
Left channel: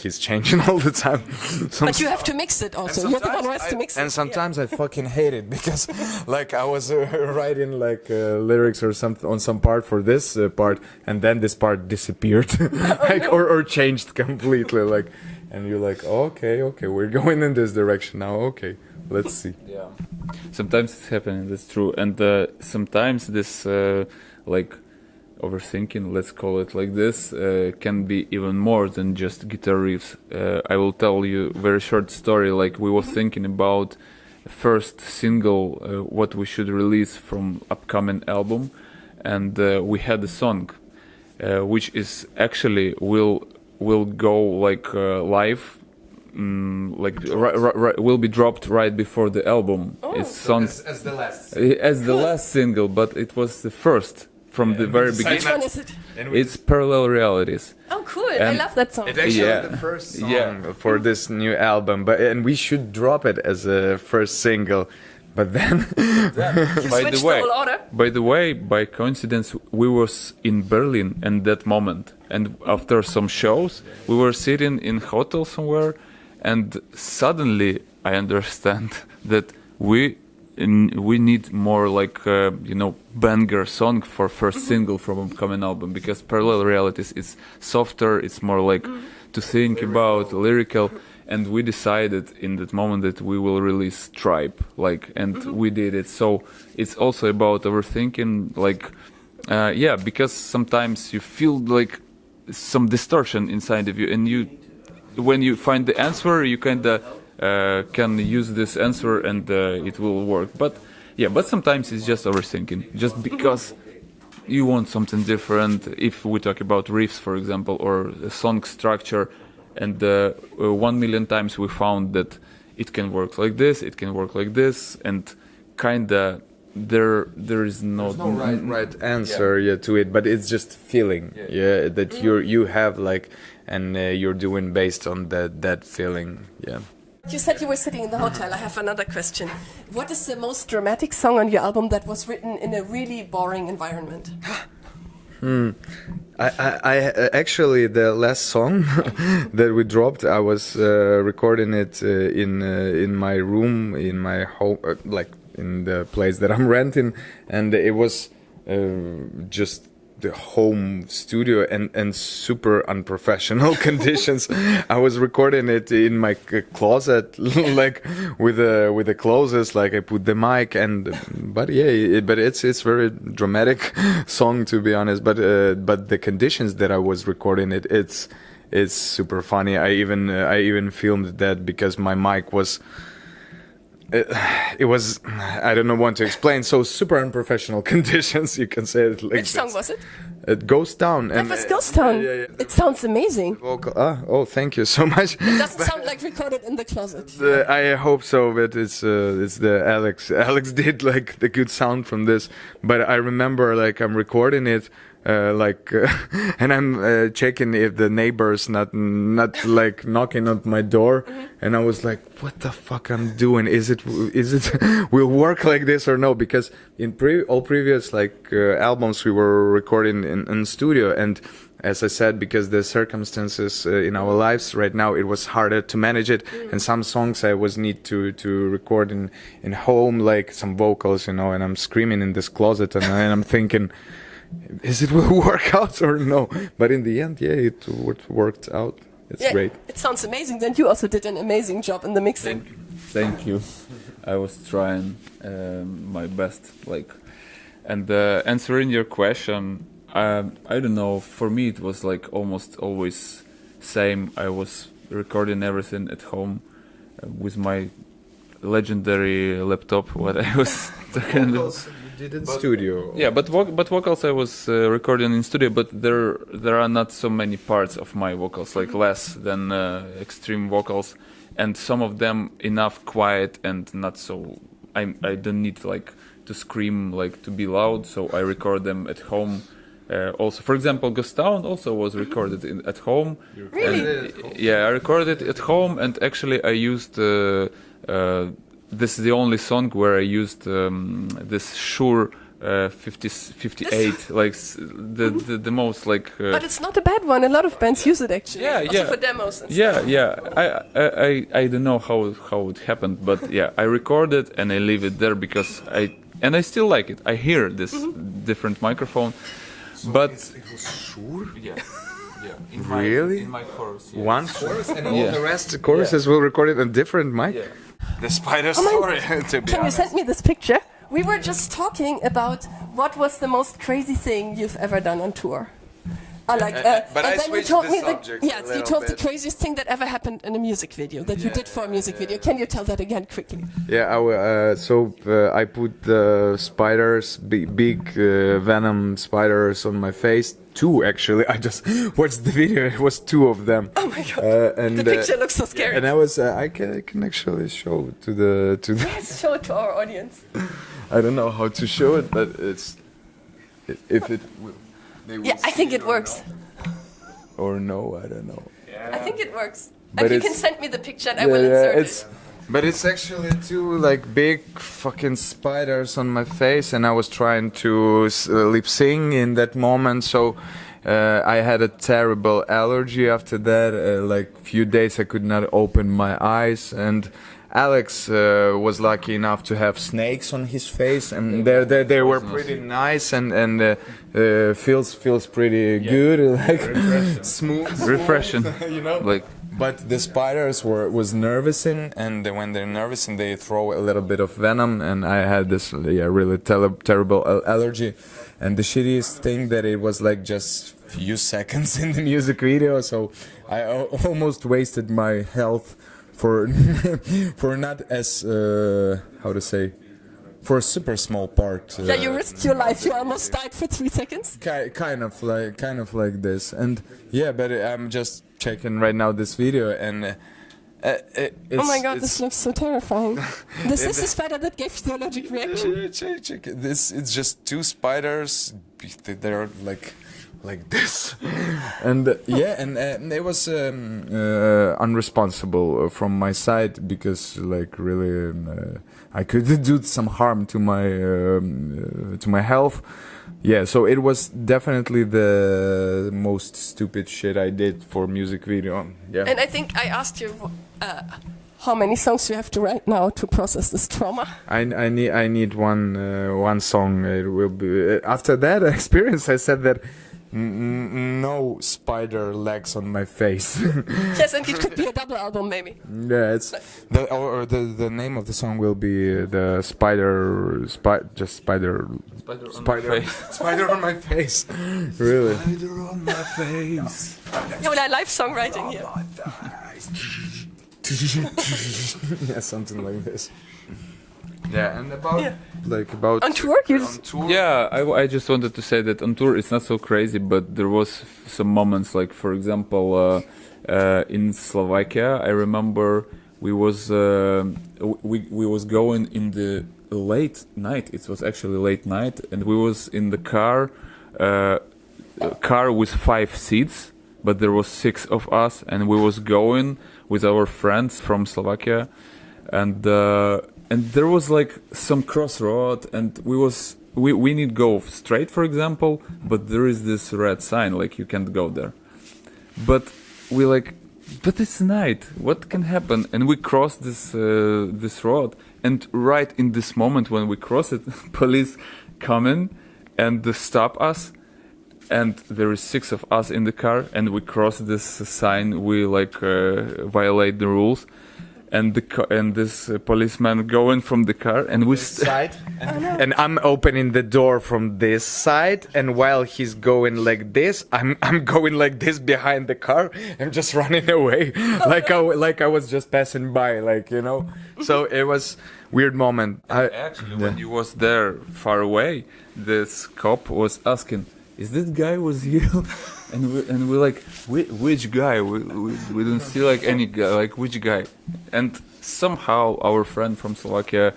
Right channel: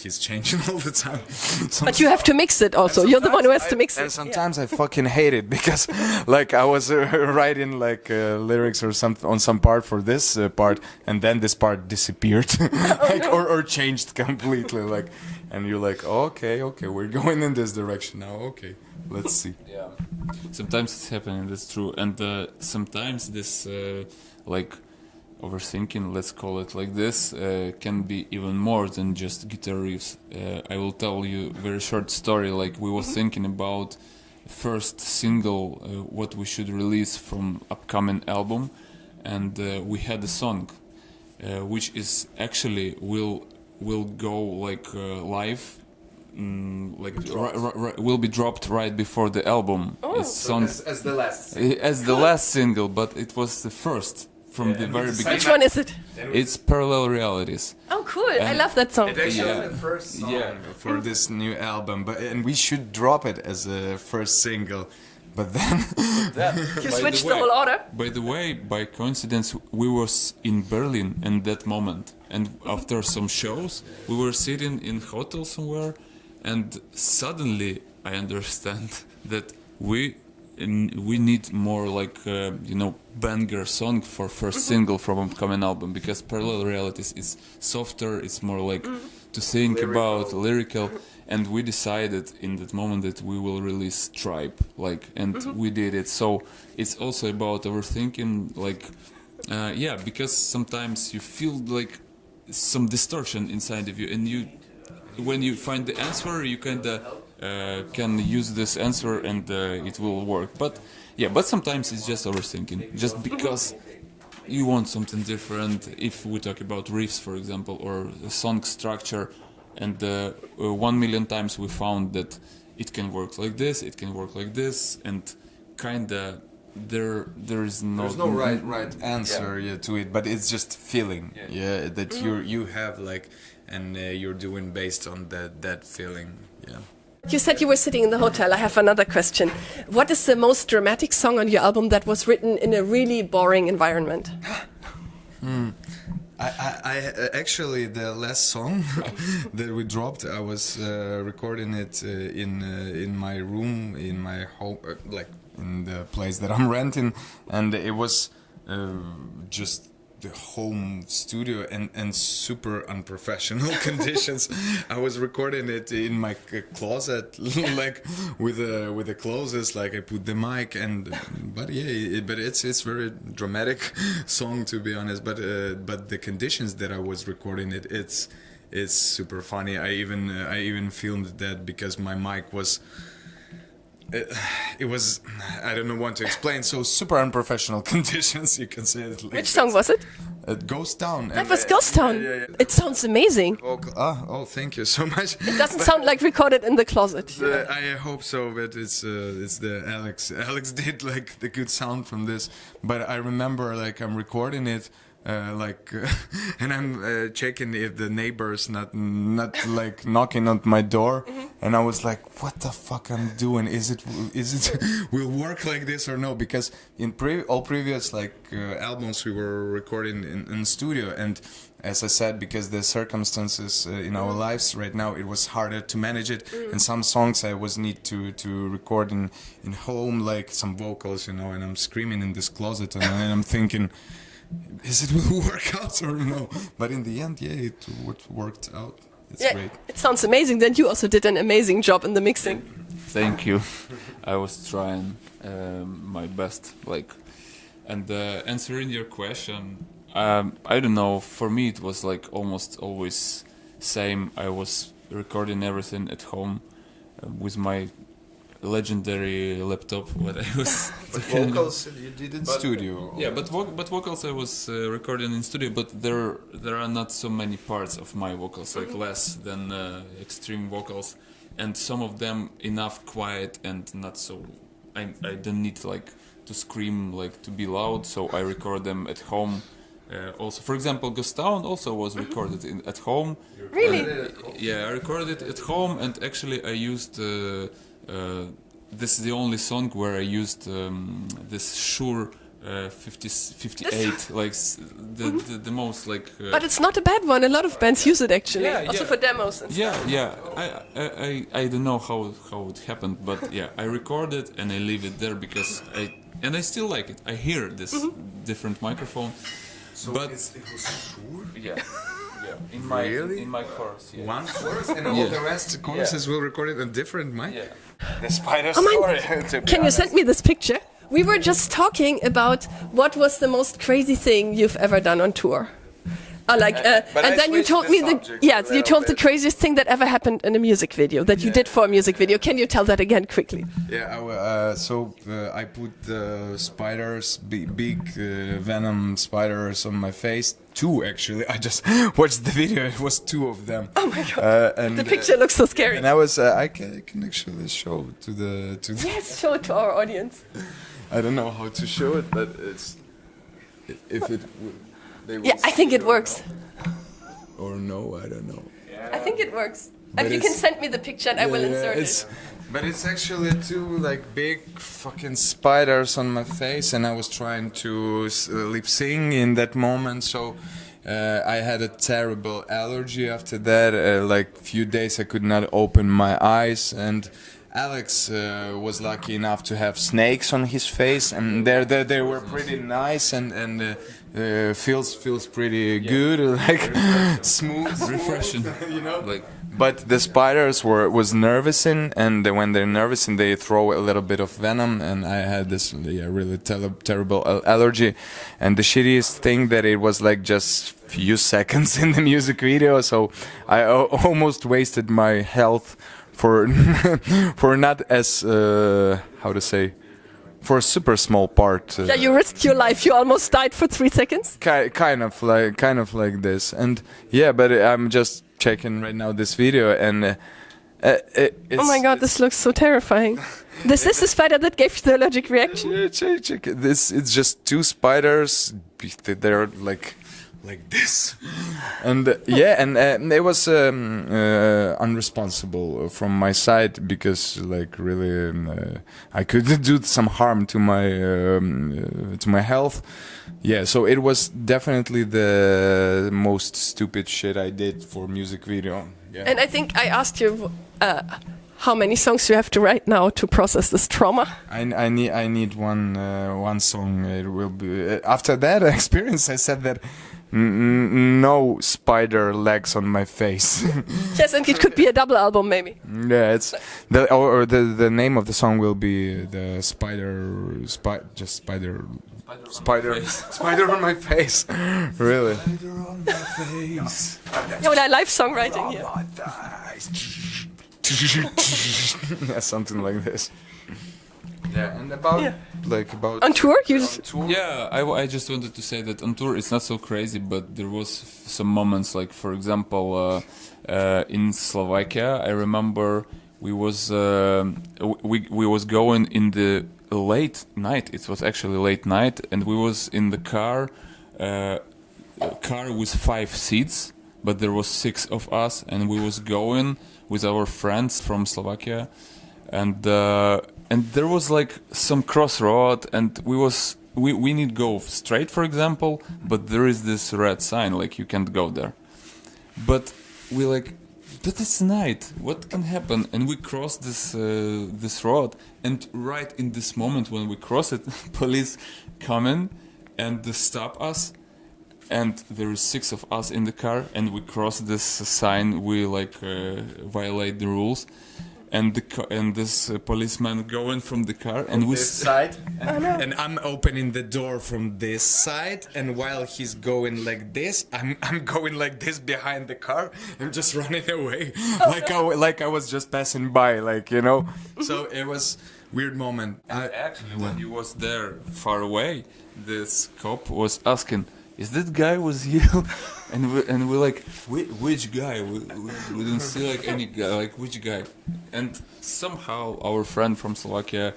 he's changing all the time. But you have to mix it also. You're the one who has to mix it. And sometimes I fucking hate it because like I was writing like lyrics or something on some part for this part, and then this part disappeared, like or changed completely. Like, and you're like, oh, okay, we're going in this direction now. Okay, let's see. Yeah. Sometimes it's happening, that's true. And sometimes this, like, overthinking, let's call it like this, can be even more than just guitar riffs. I will tell you a very short story. Like, we were thinking about first single, what we should release from upcoming album. And we had a song, which is actually will go, like, live will be dropped right before the album. It's songs as the last. as the last single, but it was the first from the very beginning. Which one is it? It's Parallel Realities. Oh, cool. And- I love that song. It's actually Yeah. the first song Yeah. for this new album, and we should drop it as a first single. But then, By the way, by coincidence, we was in Berlin at that moment, and after some shows, we were sitting in hotel somewhere, and suddenly I understand that we need more like banger song for first single from upcoming album, because Parallel Realities is softer, it's more like to think about, lyrical. And we decided in that moment that we will release Tribe, and we did it. So it's also about overthinking, because sometimes you feel like some distortion inside of you, and when you find the answer, you kinda can use this answer and it will work. But sometimes it's just overthinking, just because you want something different. If we talk about riffs, for example, or a song structure. And 1 million times we found that it can work like this, it can work like this, and kinda there is no there's no right answer to it, but it's just feeling, that you have and you're doing based on that feeling, yeah. You said you were sitting in the hotel. I have another question. What is the most dramatic song on your album that was written in a really boring environment? I actually, the last song that we dropped, I was recording it in my room, in my home, in the place that I'm renting, and it was just the home studio and super unprofessional conditions. I was recording it in my closet, with the closest, I put the mic but it's very dramatic song, to be honest. But the conditions that I was recording it's super funny. I even filmed that because my mic was. It was, I don't know what to explain, so super unprofessional conditions, you can say it like Which song was it? It Goes Down. It was Ghost Town. It sounds amazing. Oh, thank you so much. It doesn't sound like recorded in the closet. I hope so, but it's the Alex. Alex did the good sound from this, but I remember I'm recording it. And I'm checking if the neighbors not knocking on my door, and I was like, what the fuck I'm doing? Is it will work like this or no? Because in all previous albums we were recording in studio, and as I said, because the circumstances in our lives right now, it was harder to manage it, and some songs I was need to record in home, some vocals, and I'm screaming in this closet, and I'm thinking, is it will work out or no? But in the end, it worked out. It's great. It sounds amazing. Then you also did an amazing job in the mixing. Thank you. I was trying my best. And answering your question, I don't know. For me, it was almost always same. I was recording everything at home with my legendary laptop. What I was. Vocals you did in studio. Yeah, but vocals I was recording in studio, but there are not so many parts of my vocals, less than extreme vocals, and some of them enough quiet and not so. I don't need to scream to be loud, so I record them at home. Also, for example, Ghost Town also was recorded at home. You recorded it at home? Yeah, I recorded it at home, and actually I used. This is the only song where I used this Shure 58, the most But it's not a bad one. A lot of bands use it actually. Yeah. For demos. Yeah. I don't know how it happened, but I recorded and I leave it there because I still like it. I hear this different microphone, So but it was Shure? Yeah. Really? In my chorus. Yeah. One chorus and all Yeah. the rest choruses will record it on different mic. Yeah. The spider Oh my- story. Can you send me this picture? We were just talking about what was the most crazy thing you've ever done on tour. And then you told me you told the craziest thing that ever happened in a music video, that you did for a music video. Can you tell that again quickly? Yeah, I put the spiders, big venom spiders on my face. 2 actually. I just watched the video. It was 2 of them, and The picture looks so scary. and I was I can actually show to the Show it to our audience. I don't know how to show it, but it's if it will they will Yeah, I see think it or works. no. Or no, I don't know. I think it works. But You it's- can send me the picture. And I Yeah, will yeah, insert it. but it's actually 2 like big fucking spiders on my face, and I was trying to lip sing in that moment, so I had a terrible allergy after that. Like few days I could not open my eyes, and Alex was lucky enough to have snakes on his face, and they were pretty nice and feels pretty good, like smooth, Refreshing. you know. Like But the spiders was nervous and when they're nervous they throw a little bit of venom, and I had this really terrible allergy, and the shittiest thing that it was like just few seconds in the music video, so I almost wasted my health for for not as how to say, for a super small part. Yeah, you risked your life. You almost died for 3 seconds. Kind of like this, and yeah, but I'm just checking right now this video, and it's. Oh my god, this looks so terrifying. This is the spider that gave you the allergic reaction? Check. This it's just 2 spiders. They're like this, and it was unresponsible from my side, because like really I could do some harm to my health. Yeah, so it was definitely the most stupid shit I did for music video. Yeah. And I think I asked you how many songs you have to write now to process this trauma. I need one song. It will be after that experience. I said that no spider legs on my face. Yes, and it could be a double album maybe. Yeah, it's the name of the song will be the spider face. spider on my face. Really. Spider on my face. No, that live songwriting here. Yeah, something like this. Yeah, and about On tour, you just... Yeah, I just wanted to say that on tour it's not so crazy, but there was some moments, like for example in Slovakia, I remember we was going in the late night. It was actually late night, and we was in the car with 5 seats, but there was 6 of us, and we was going with our friends from Slovakia, and there was like some crossroad, and we need go straight, for example, but there is this red sign like you can't go there. But but it's night. What can happen? And we cross this road, and right in this moment when we cross it, police come in and stop us. And there is 6 of us in the car, and we cross this sign. We violate the rules. And this policeman going from the car, and we side, and I'm opening the door from this side, and while he's going like this, I'm going like this behind the car. I'm just running away, like I was just passing by, So it was weird moment. When you was there far away, this cop was asking, "Is that guy was you?" And we like, which guy? We don't see like any guy. Like which guy? And somehow our friend from Slovakia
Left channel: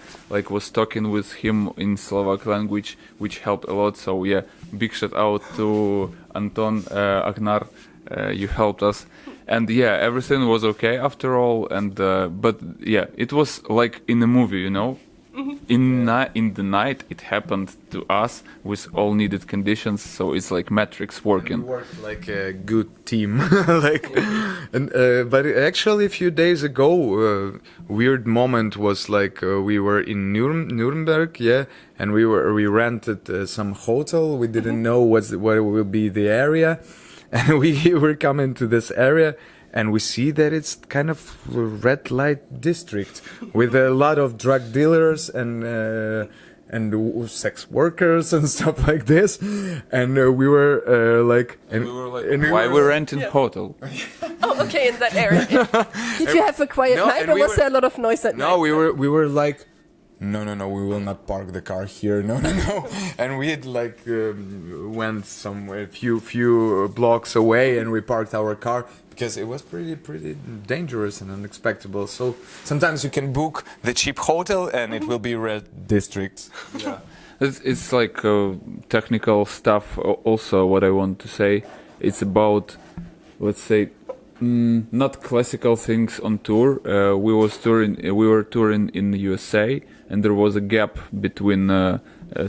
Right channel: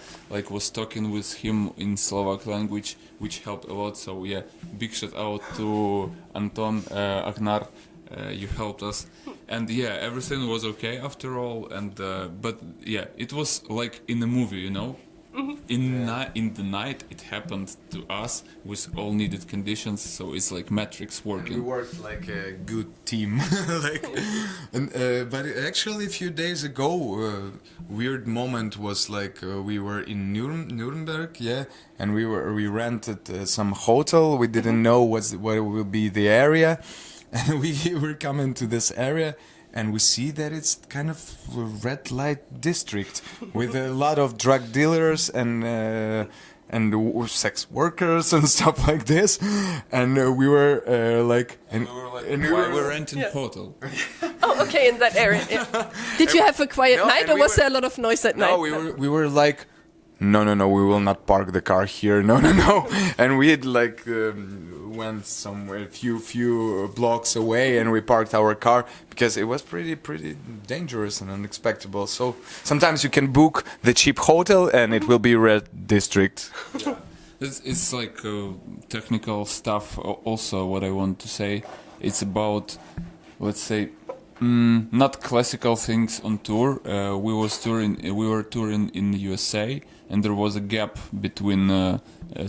was talking with him in Slovak language, which helped a lot. So yeah, big shout out to Anton Agnar. You helped us, and yeah, everything was okay after all. And but yeah, it was like in a movie, you know. In the night, it happened to us with all needed conditions, so it's like Matrix working. We worked like a good team, but actually a few days ago, weird moment was we were in Nuremberg, yeah, and we rented some hotel. We didn't know what will be the area, and we were coming to this area. And we see that it's kind of a red light district with a lot of drug dealers and sex workers and stuff like this. And we were why we're renting hotel? Oh, okay, that area. Did you have a quiet night, or was there a lot of noise at night? No, we were like, no, we will not park the car here. No. And we had like went somewhere few blocks away, and we parked our car because it was pretty dangerous and unexpected. So sometimes you can book the cheap hotel, and it will be red district. Yeah, it's like technical stuff. Also, what I want to say, it's about, let's say, not classical things on tour. We were touring in the USA, and there was a gap between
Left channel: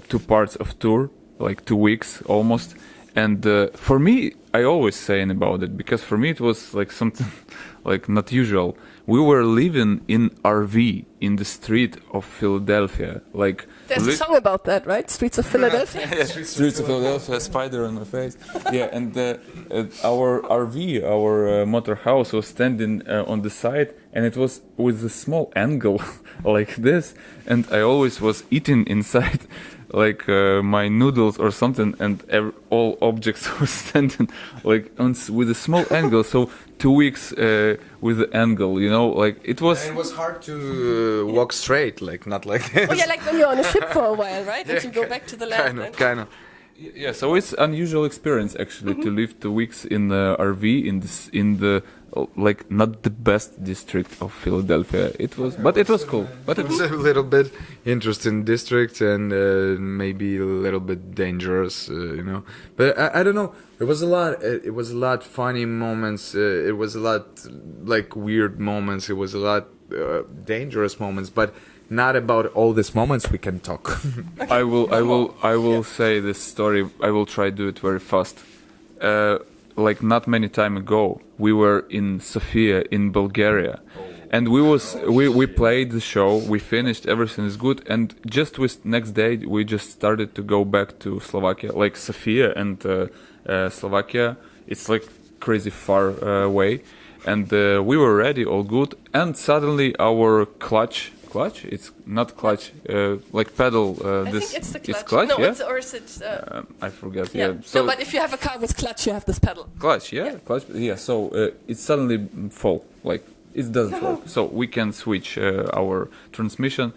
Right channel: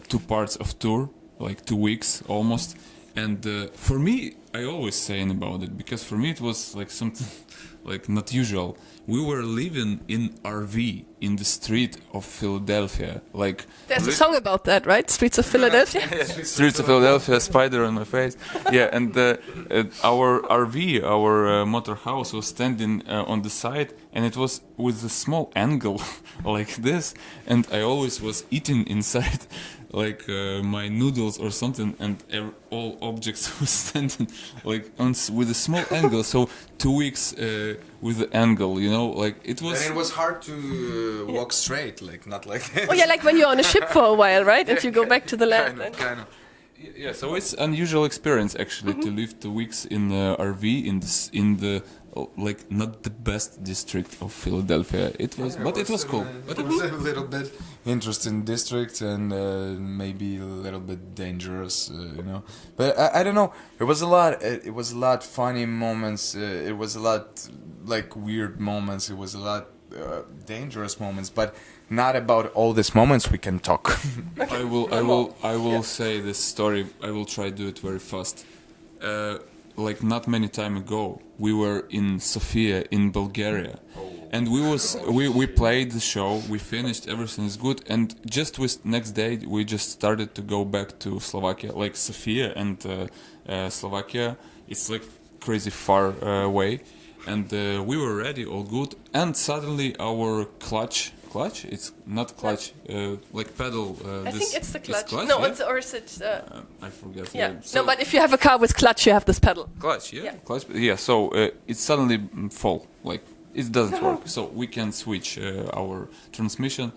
two parts of tour, like 2 weeks almost. And for me, I always saying about it, because for me it was like something like not usual. We were living in RV in the street of Philadelphia, like There's a song about that, right? Streets of Philadelphia. Streets of Philadelphia, spider on my face. Yeah, and our RV, our motor house was standing on the side, and it was with a small angle like this, and I always was eating inside like my noodles or something, and all objects were standing like with a small angle. So 2 weeks with the angle, you know, like it was. And it was hard to walk straight, like not like this. Yeah, like when you're on a ship for a while, right? And you go back to the land. Kind of. Yeah, so it's unusual experience actually to live 2 weeks in the RV in the like not the best district of Philadelphia. It was, but it was cool. But It was a little bit interesting district, and maybe a little bit dangerous, you know. But I don't know. It was a lot. It was a lot funny moments. It was a lot like weird moments. It was a lot dangerous moments. But not about all these moments we can talk. I will say this story. I will try to do it very fast. Like not many time ago, we were in Sofia in Bulgaria, and we played the show. We finished, everything is good, and just with next day we just started to go back to Slovakia, like Sofia and Slovakia. It's like crazy far away, and we were ready, all good, and suddenly our clutch. It's not clutch, like pedal. It's clutch, yeah. I forgot. Yeah. So But if you have a car with clutch, you have this pedal. clutch, yeah. So it suddenly fall, like it doesn't work. So we can switch our transmission,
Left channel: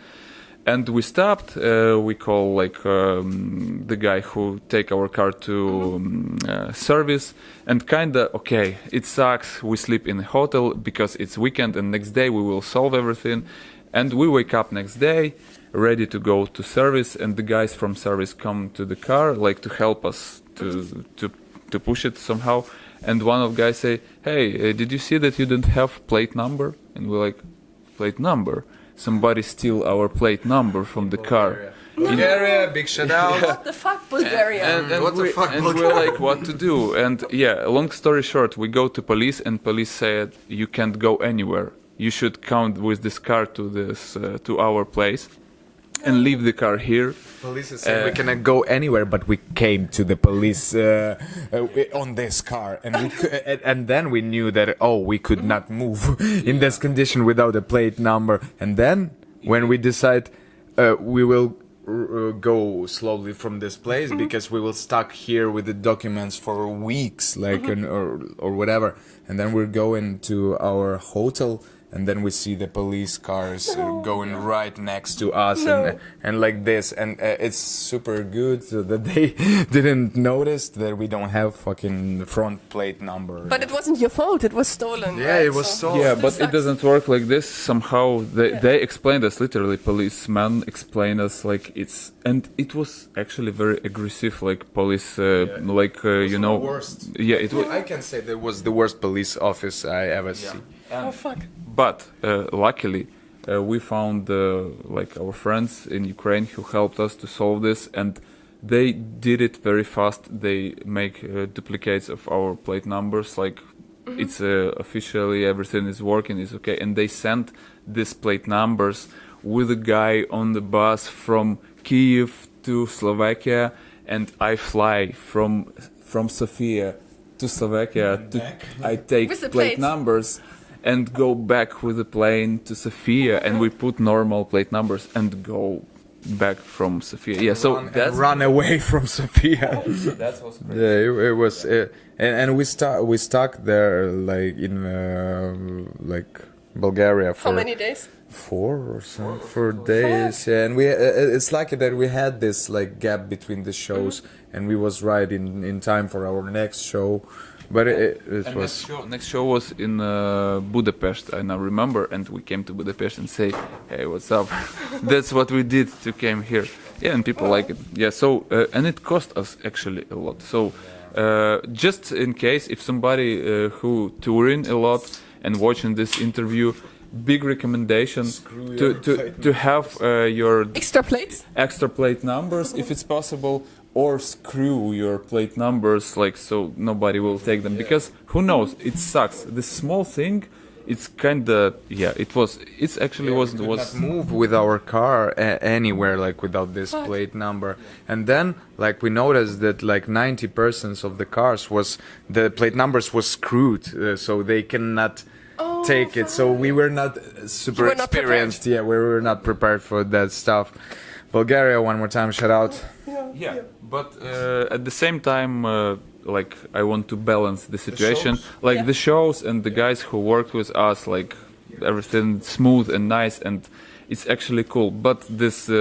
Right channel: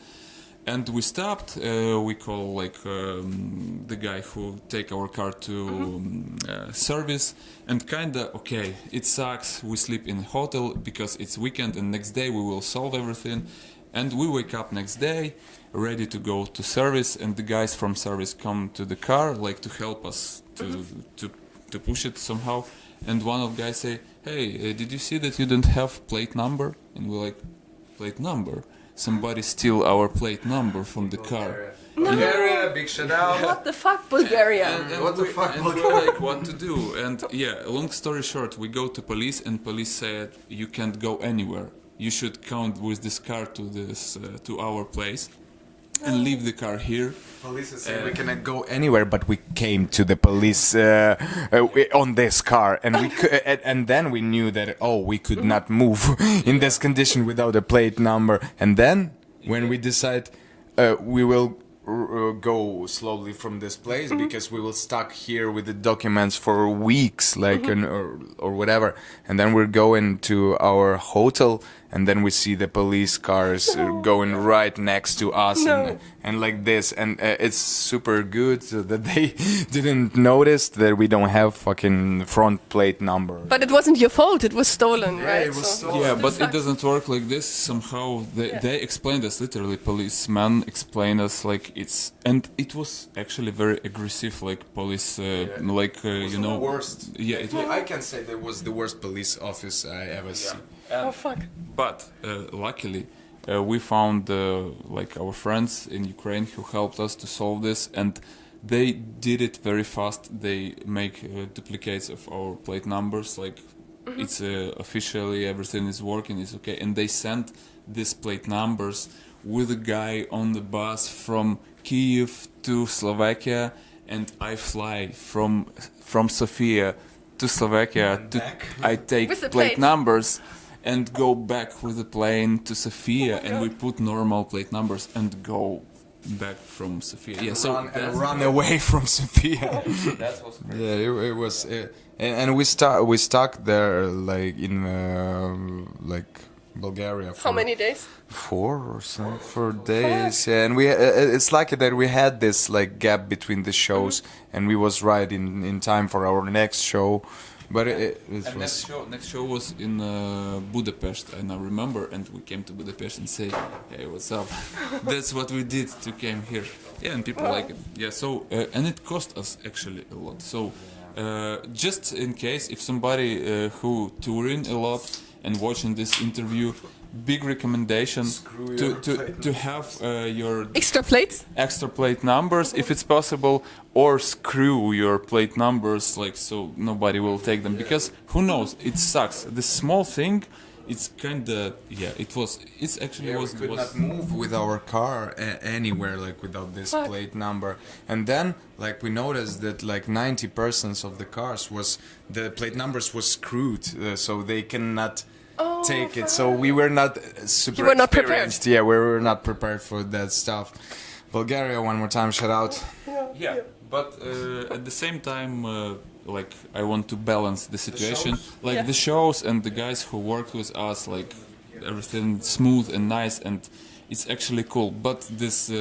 and we stopped. We call like the guy who take our car to service, and kinda okay. It sucks. We sleep in a hotel because it's weekend, and next day we will solve everything. And we wake up next day, ready to go to service, and the guys from service come to the car, like to help us to push it somehow. And one of guys say, "Hey, did you see that you don't have plate number?" And we're like, "Plate number? Somebody steal our plate number from the car." Bulgaria, big shout out. What the fuck, Bulgaria? And What the fuck, we're like, what to do? And yeah, long story short, we go to police, and police said, "You can't go anywhere. You should come with this car to our place, and leave the car here." Police said we cannot go anywhere, but we came to the police on this car, and and then we knew that we could not move in this condition without a plate number. And then when we decide we will go slowly from this place because we will stuck here with the documents for weeks, like or whatever, and then we're going to our hotel. And then we see the police cars going right next to us, and like this, and it's super good that they didn't notice that we don't have fucking front plate number. But it wasn't your fault. It was stolen. Yeah, it was stolen. Yeah, but it doesn't work like this. Somehow they explained us, literally, policeman explained us like and it was actually very aggressive, like police, you know. Worst. Yeah, it was. I can say that was the worst police office I ever see. But luckily, we found like our friends in Ukraine who helped us to solve this, and they did it very fast. They make duplicates of our plate numbers, like it's officially everything is working, is okay, and they sent these plate numbers with a guy on the bus from Kyiv to Slovakia, and I fly from Sofia to Slovakia. I take plate numbers and go back with the plane to Sofia, and we put normal plate numbers and go back from Sofia. Yeah, so that's run away from Sofia. that was great. Yeah, it was, and we stuck there like in like Bulgaria How for many days? 4 days. Yeah, and we it's lucky that we had this like gap between the shows, and we was right in time for our next show. But it And was next show was in Budapest, I now remember, and we came to Budapest and say, "Hey, what's up?" That's what we did to came here. Yeah, and people like it. Yeah, so and it cost us actually a lot. So just in case if somebody who touring a lot and watching this interview, big recommendation to have your Extra plates? extra plate numbers if it's possible, or screw your plate numbers like so nobody will take them, because who knows, it sucks. This small thing, it's kind of it's actually we was could not move with our car anywhere like without this plate number. And then like we noticed that like 90% of the cars was the plate numbers was screwed, so they cannot take it. So we were not super were not prepared. experienced. Yeah, we were not prepared for that stuff. Bulgaria, one more time, shout out. Yeah, but at the same time, like I want to balance the situation, like the shows and the guys who worked with us, like everything smooth and nice, and it's actually cool. But this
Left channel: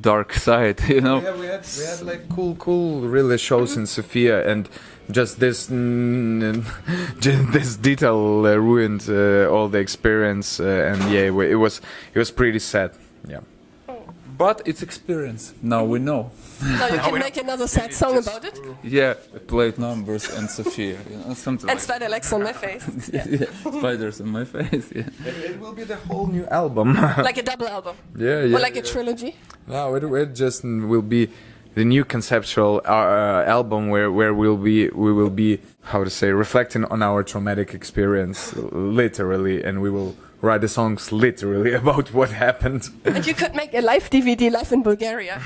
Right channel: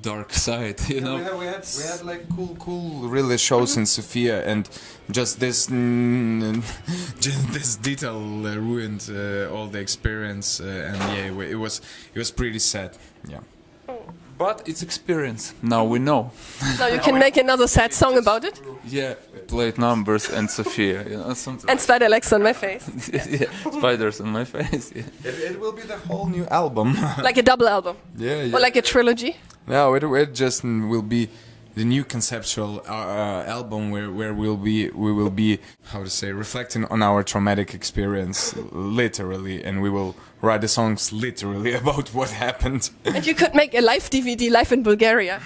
dark side, you know. We had like cool really shows in Sofia, and just this just this detail ruined all the experience, and yeah, it was pretty sad. Yeah. But it's experience. Now we know. You can make another sad song about it. Yeah, plate numbers and Sofia, you know, something. And spider legs on my face. Yeah, spiders on my face. Yeah. It will be the whole new album. Like a double album. Yeah. Or like a trilogy. No, it just will be the new conceptual album where we will be how to say, reflecting on our traumatic experience literally, and we will write the songs literally about what happened. You could make a live DVD live in Bulgaria.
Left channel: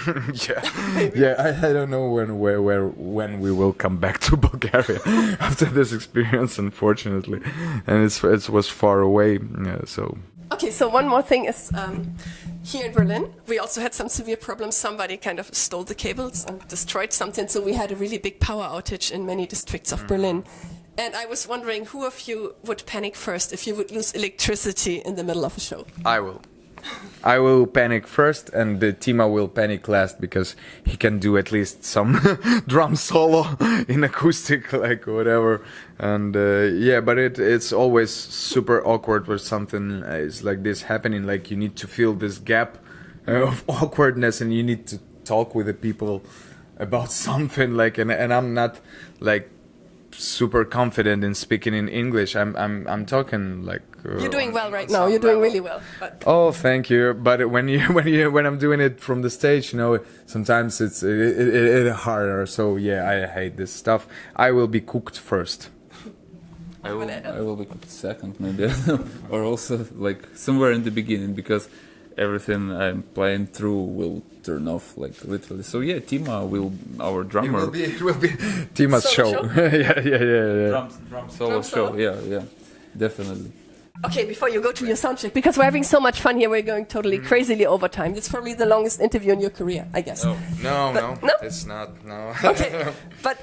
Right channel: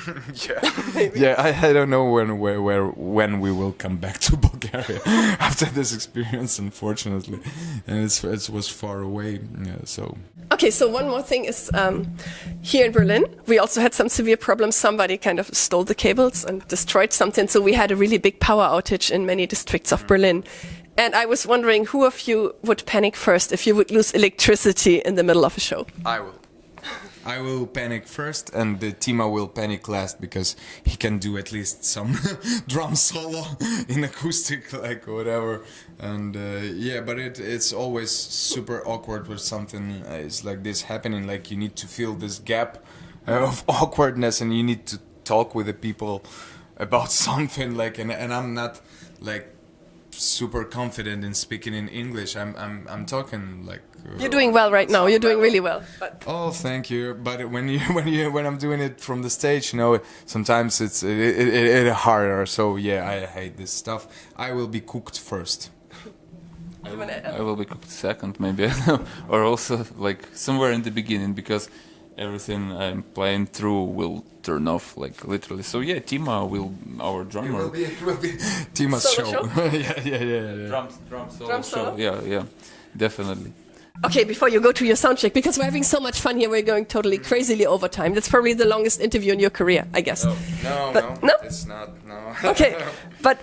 I don't know when we will come back to Bulgaria after this experience, unfortunately, and it was far away. Yeah, so Okay, so one more thing is here in Berlin, we also had some severe problems. Somebody kind of stole the cables and destroyed something. So we had a really big power outage in many districts of Berlin. And I was wondering who of you would panic first if you would lose electricity in the middle of a show? I will panic first, and Dima will panic last, because he can do at least some drum solo in acoustic, like whatever. And but it's always super awkward when something is like this happening. Like you need to feel this gap of awkwardness, and you need to talk with the people about something. Like, and I'm not like super confident in speaking in English. I'm talking like. You're doing well right now. You're doing really well. Oh, thank you. But when I'm doing it from the stage, you know, sometimes it's harder. So yeah, I hate this stuff. I will be cooked first. I will be cooked second, maybe, I don't know, or also like somewhere in the beginning, because everything I'm playing through will turn off, like literally. So yeah, Tima will, our drummer. It will be Tima's show. Yeah. Drum solo show. Yeah, definitely. Okay, before you go to your sound check, because we're having so much fun here, we're going totally crazily over time. That's probably the longest interview in your career, I guess. No, it's not. No. Okay, but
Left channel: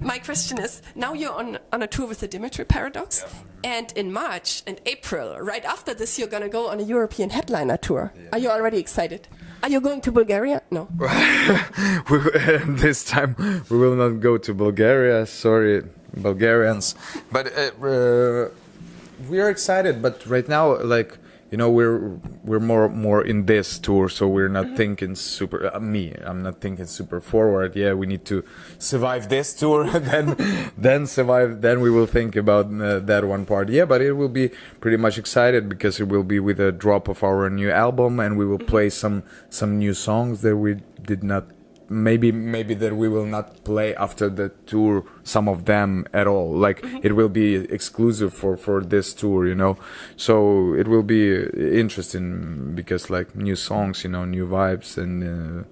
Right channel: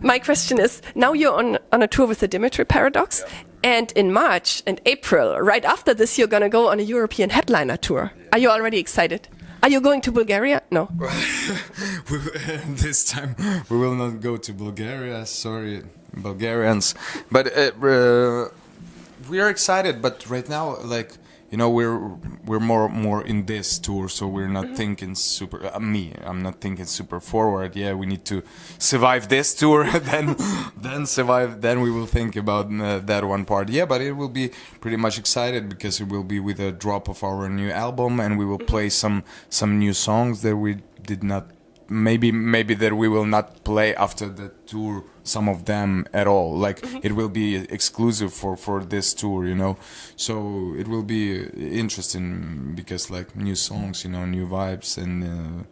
my question is, now you're on a tour with the DYMYTRY PARADOX, and in March and April, right after this, you're going to go on a European headliner tour. Are you already excited? Are you going to Bulgaria? No. This time we will not go to Bulgaria. Sorry, Bulgarians. But we are excited. But right now, like, you know, we're more in this tour, so we're not thinking super. I'm not thinking super forward. Yeah, we need to survive this tour, then survive. Then we will think about that one part. Yeah, but it will be pretty much excited, because it will be with a drop of our new album, and we will play some new songs that we did not. Maybe that we will not play after the tour, some of them at all. Like, it will be exclusive for this tour, you know. So it will be interesting, because like new songs, you know, new vibes, and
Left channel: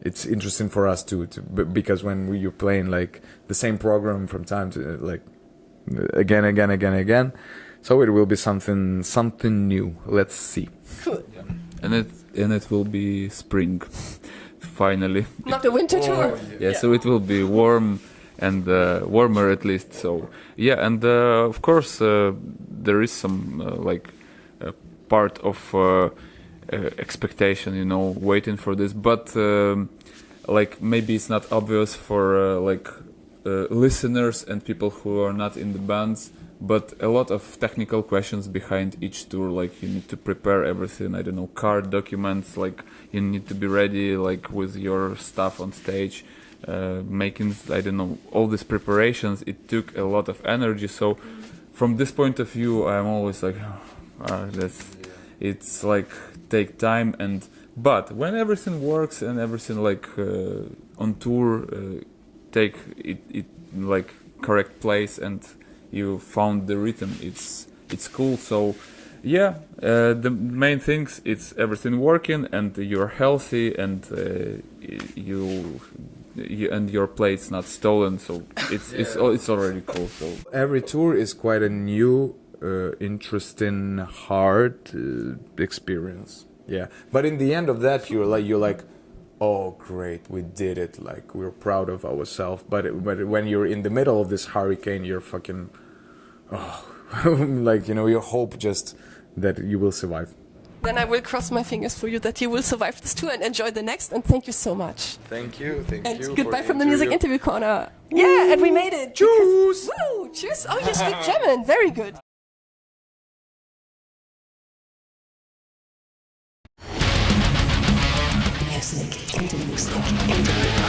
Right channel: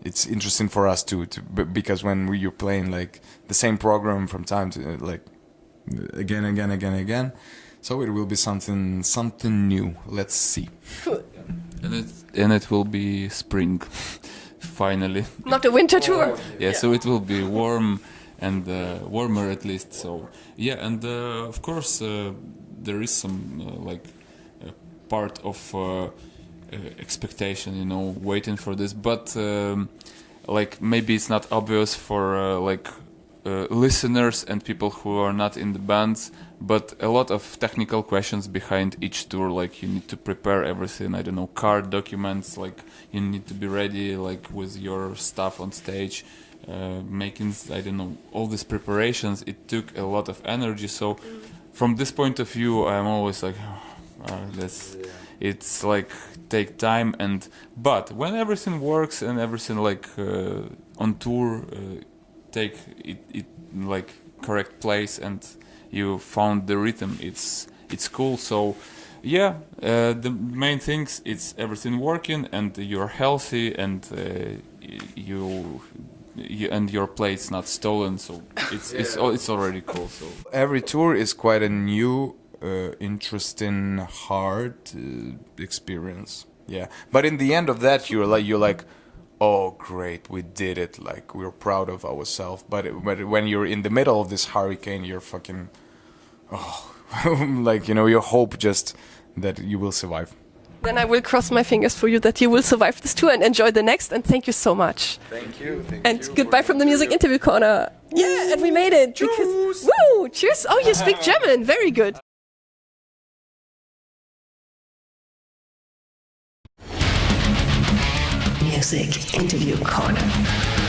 it's interesting for us too. Because when you're playing like the same program from time to like again, so it will be something new. Let's see. and it will be spring, finally. Not a winter tour. Yeah, so it will be warm and warmer at least. So yeah, and of course there is some part of expectation, you know, waiting for this, but like maybe it's not obvious for listeners and people who are not in the bands, but a lot of technical questions behind each tour. Like you need to prepare everything, I don't know, card documents, like you need to be ready like with your stuff on stage, making, I don't know, all these preparations. It took a lot of energy. So from this point of view, I'm always like, it's like take time, but when everything works and everything like on tour take it like correct place and you found the rhythm, it's cool. So yeah, the main things, it's everything working and you're healthy and you and your plate's not stolen, so it's already cool. So every tour is quite a new interesting, hard experience. Yeah, but in the end of that, you're like, oh great, we did it. Like we're proud of ourselves. But when you're in the middle of this hurricane, you're fucking, like, you know, you hope just that you will survive. Then I will cross my fingers for you that you will survive this tour and enjoy the next. And thank you so much. Thank you. And goodbye from the Music Interview Corner. Yeah, and we made it because woo! Cheers! Oh, you speak German. Very good. Music Interviews Corner.